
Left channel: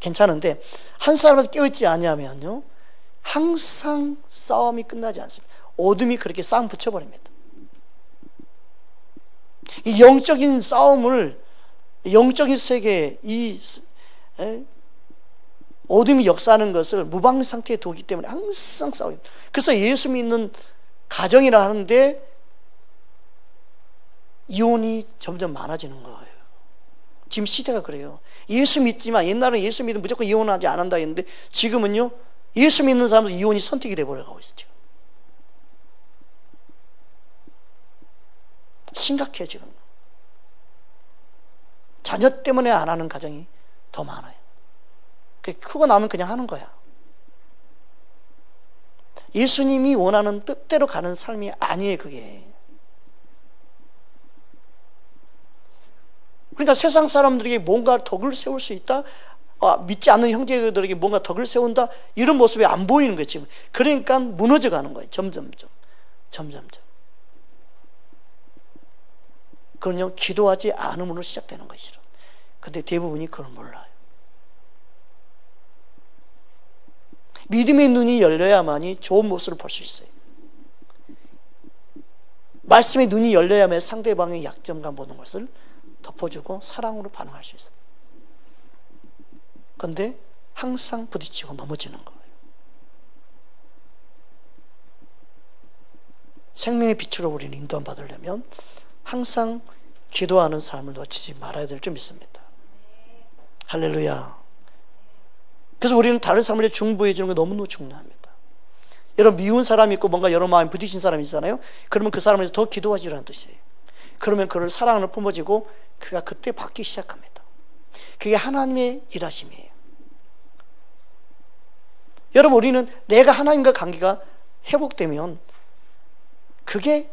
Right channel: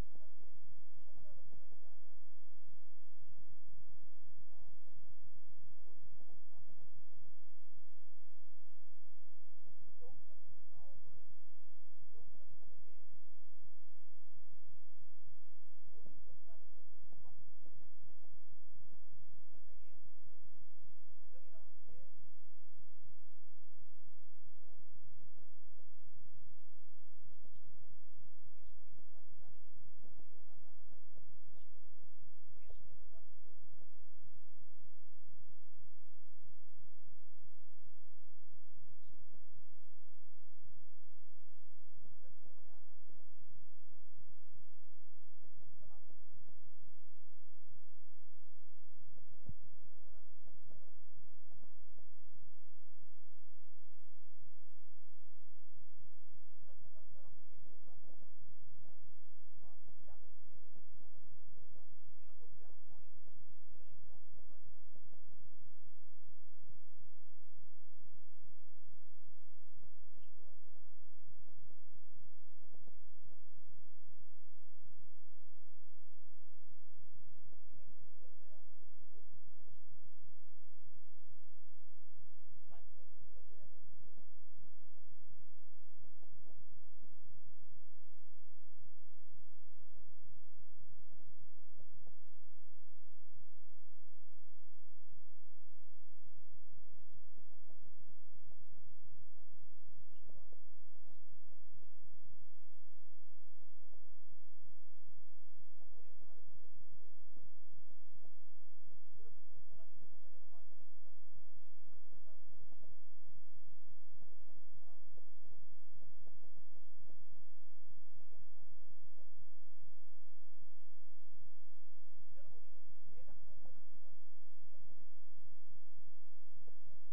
괜찮은데 한 사람한테 깨어있지 않으면요 항상 싸움이 끝나지 않습니다. 어둠이 그렇게 싸움 붙여버립니다. 이 영적인 싸움을, 영적인 세계에 어둠이 역사하는 것을 무방 상태에 두기 때문에 항상 싸웁니다. 그래서 예수 믿는 가정이라 하는데 이혼이 점점 많아지는 거예요. 지금 시대가 그래요. 예수 믿지만, 옛날에는 예수 믿으면 무조건 이혼하지 않는다 했는데 지금은요 예수 믿는 사람도 이혼이 선택이 돼버려가고 있어요. 심각해요. 지금 자녀 때문에 안 하는 가정이 더 많아요. 크고 나면 그냥 하는 거야. 예수님이 원하는 뜻대로 가는 삶이 아니에요. 그게. 그러니까 세상 사람들에게 뭔가 덕을 세울 수 있다, 믿지 않는 형제들에게 뭔가 덕을 세운다, 이런 모습이 안 보이는 거예요 지금. 그러니까 무너져 가는 거예요. 점점점. 그건요 기도하지 않음으로 시작되는 것이죠. 근데 대부분이 그걸 몰라요. 믿음의 눈이 열려야만이 좋은 모습을 볼 수 있어요. 말씀의 눈이 열려야만 상대방의 약점감 보는 것을 덮어주고 사랑으로 반응할 수 있어요. 그런데 항상 부딪히고 넘어지는 거예요. 생명의 빛으로 우리는 인도함 받으려면 항상 기도하는 삶을 놓치지 말아야 될 줄 믿습니다. 할렐루야. 그래서 우리는 다른 사람을 중보해 주는 게 너무너무 중요합니다. 여러분, 미운 사람이 있고 뭔가 여러 마음이 부딪힌 사람이 있잖아요. 그러면 그 사람을 더 기도하시라는 뜻이에요. 그러면 그를 사랑을 품어지고 그가 그때 받기 시작합니다. 그게 하나님의 일하심이에요. 여러분, 우리는 내가 하나님과 관계가 회복되면 그게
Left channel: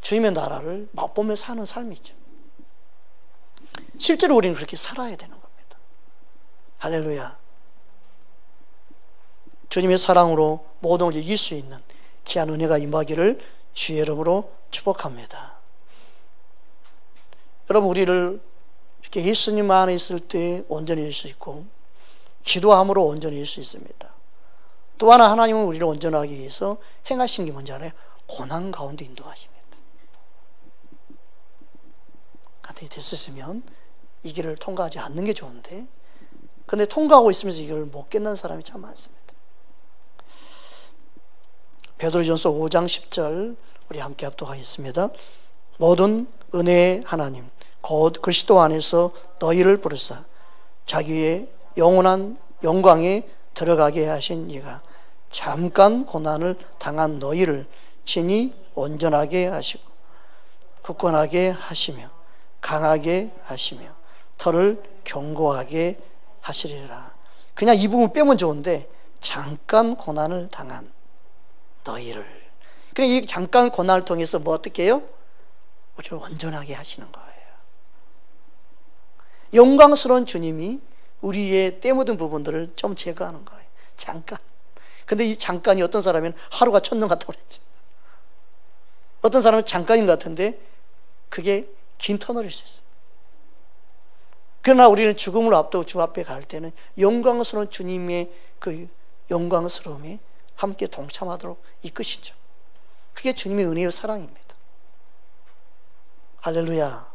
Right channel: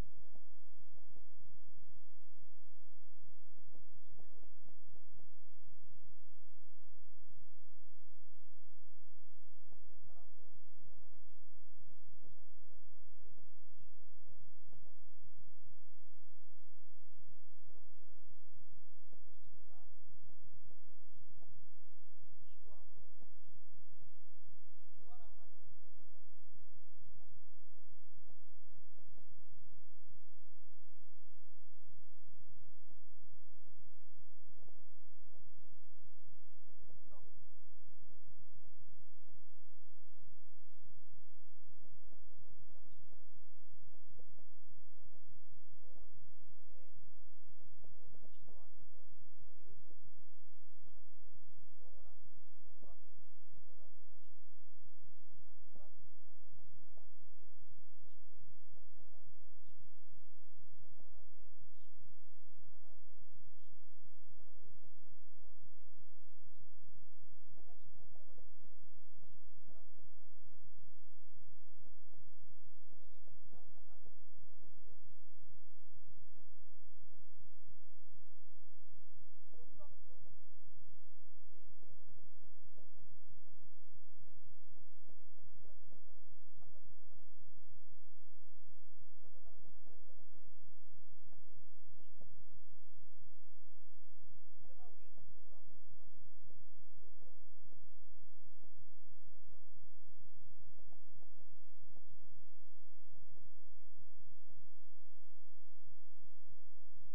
주님의 나라를 맛보며 사는 삶이죠. 실제로 우리는 그렇게 살아야 되는 겁니다. 할렐루야. 주님의 사랑으로 모든 걸 이길 수 있는 귀한 은혜가 임하기를 주의 이름으로 축복합니다. 여러분, 우리를 이렇게 예수님 안에 있을 때 온전히 일 수 있고 기도함으로 온전히 일 수 있습니다. 또 하나, 하나님은 우리를 온전하기 위해서 행하신 게 뭔지 알아요? 고난 가운데 인도하십니다. 간단히 됐으면 이 길을 통과하지 않는 게 좋은데, 근데 통과하고 있으면서 이걸 못 깨닫는 사람이 참 많습니다. 베드로전서 5장 10절 우리 함께 합독하겠습니다. 모든 은혜의 하나님 곧 그리스도 안에서 너희를 부르사 자기의 영원한 영광에 들어가게 하신 이가 잠깐 고난을 당한 너희를 친히 온전하게 하시고 굳건하게 하시며 강하게 하시며 털을 견고하게 하시리라. 그냥 이 부분 빼면 좋은데 잠깐 고난을 당한 너희를, 그러니까 이 잠깐 고난을 통해서 뭐 어떻게 해요? 우리를 온전하게 하시는 거예요. 영광스러운 주님이 우리의 때 묻은 부분들을 좀 제거하는 거예요. 잠깐. 근데 이 잠깐이 어떤 사람은 하루가 천년 같다고 그랬죠. 어떤 사람은 잠깐인 것 같은데 그게 긴 터널일 수 있어요. 그러나 우리는 죽음을 앞두고 주 앞에 갈 때는 영광스러운 주님의 그 영광스러움에 함께 동참하도록 이끄시죠. 그게 주님의 은혜와 사랑입니다. 할렐루야.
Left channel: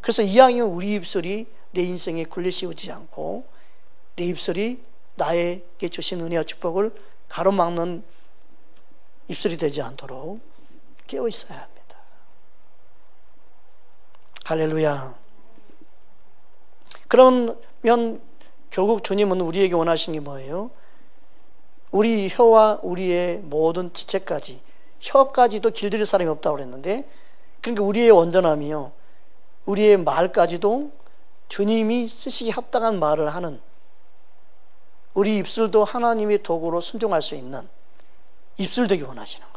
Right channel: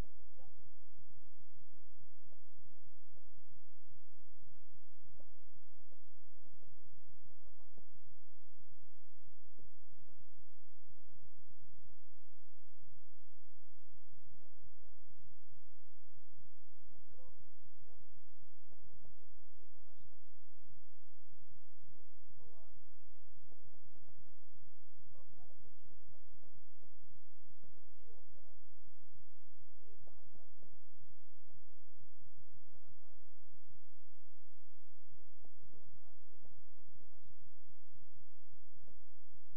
그래서 이왕이면 우리 입술이 내 인생에 굴레씌우지 않고 내 입술이 나에게 주신 은혜와 축복을 가로막는 입술이 되지 않도록 깨어 있어야 합니다. 할렐루야. 그러면 결국 주님은 우리에게 원하시는 게 뭐예요? 우리 혀와 우리의 모든 지체까지, 혀까지도 길들일 사람이 없다고 그랬는데, 그러니까 우리의 온전함이요, 우리의 말까지도 주님이 쓰시기 합당한 말을 하는, 우리 입술도 하나님의 도구로 순종할 수 있는 입술 되기 원하시는 거예요.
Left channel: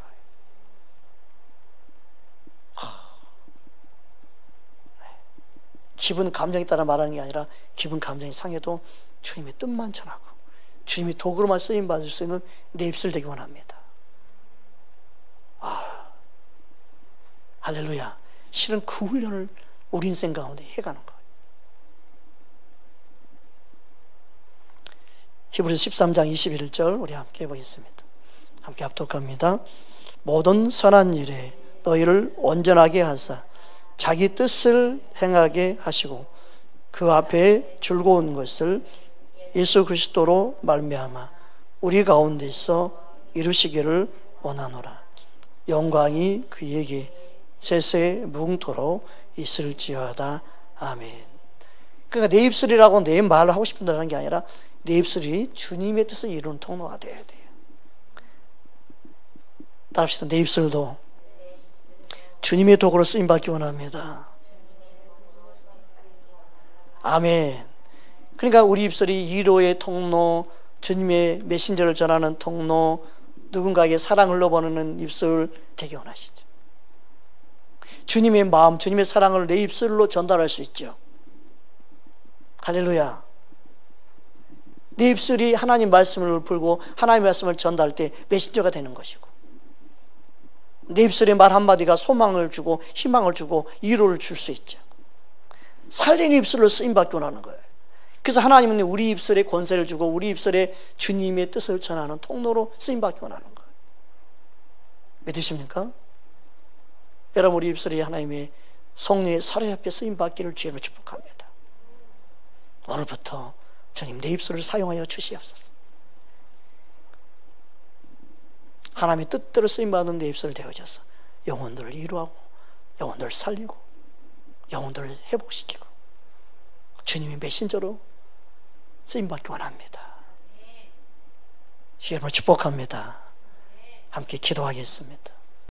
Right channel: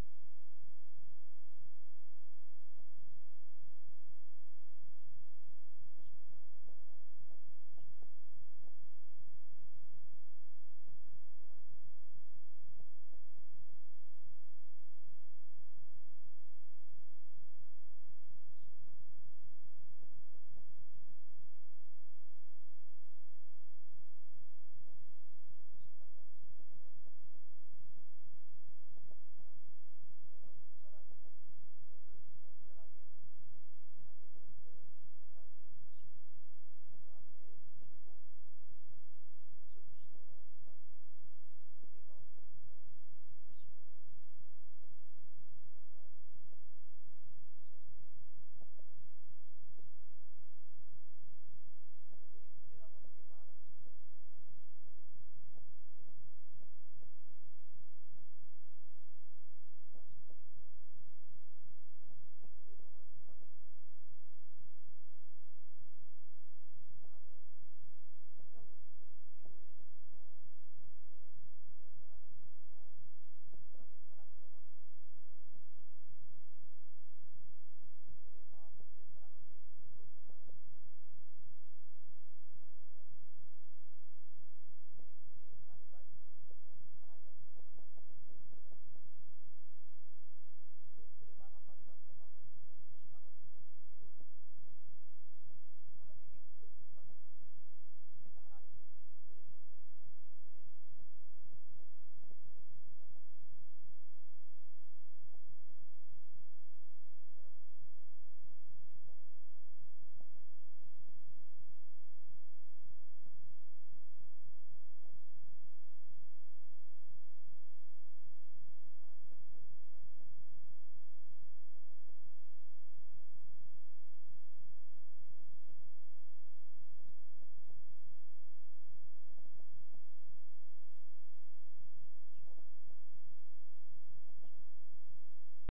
기분 감정에 따라 말하는 게 아니라 기분 감정이 상해도 주님의 뜻만 전하고 주님의 도구로만 쓰임 받을 수 있는 내 입술 되기 원합니다. 할렐루야. 실은 그 훈련을 우리 인생 가운데 해가는 거예요. 히브리서 13장 21절 우리 함께 보겠습니다. 함께 합독합니다. 모든 선한 일에 너희를 온전하게 하사 자기 뜻을 행하게 하시고 그 앞에 즐거운 것을 예수 그리스도로 말미암아 우리 가운데서 이루시기를 원하노라. 영광이 그에게 세세 무궁토록 있을지어다. 아멘. 그러니까 내 입술이라고 내 말을 하고 싶은 대로 하는 게 아니라 내 입술이 주님의 뜻을 이루는 통로가 되어야 돼요. 따라합시다. 내 입술도 주님의 도구로 쓰임받기 원합니다. 아멘. 그러니까 우리 입술이 위로의 통로, 주님의 메신저를 전하는 통로, 누군가에게 사랑을 흘러보내는 입술 되기 원하시죠. 주님의 마음, 주님의 사랑을 내 입술로 전달할 수 있죠. 할렐루야. 내 입술이 하나님 말씀을 풀고 하나님의 말씀을 전달할 때 메신저가 되는 것이고, 내 입술의 말 한마디가 소망을 주고 희망을 주고 위로를 줄 수 있죠. 살린 입술로 쓰임받기 원하는 거예요. 그래서 하나님은 우리 입술에 권세를 주고 우리 입술에 주님의 뜻을 전하는 통로로 쓰임받기 원하는 거예요. 믿으십니까? 여러분, 우리 입술에 하나님의 성령의 사례 앞에 쓰임받기를 주님으로 축복합니다. 오늘부터 주님 내 입술을 사용하여 주시옵소서. 하나님의 뜻대로 쓰임받는 내 입술을 되어져서 영혼들을 이루하고 영혼들을 살리고 영혼들을 회복시키고 주님의 메신저로 쓰임받기 원합니다. 주님을 축복합니다. 함께 기도하겠습니다.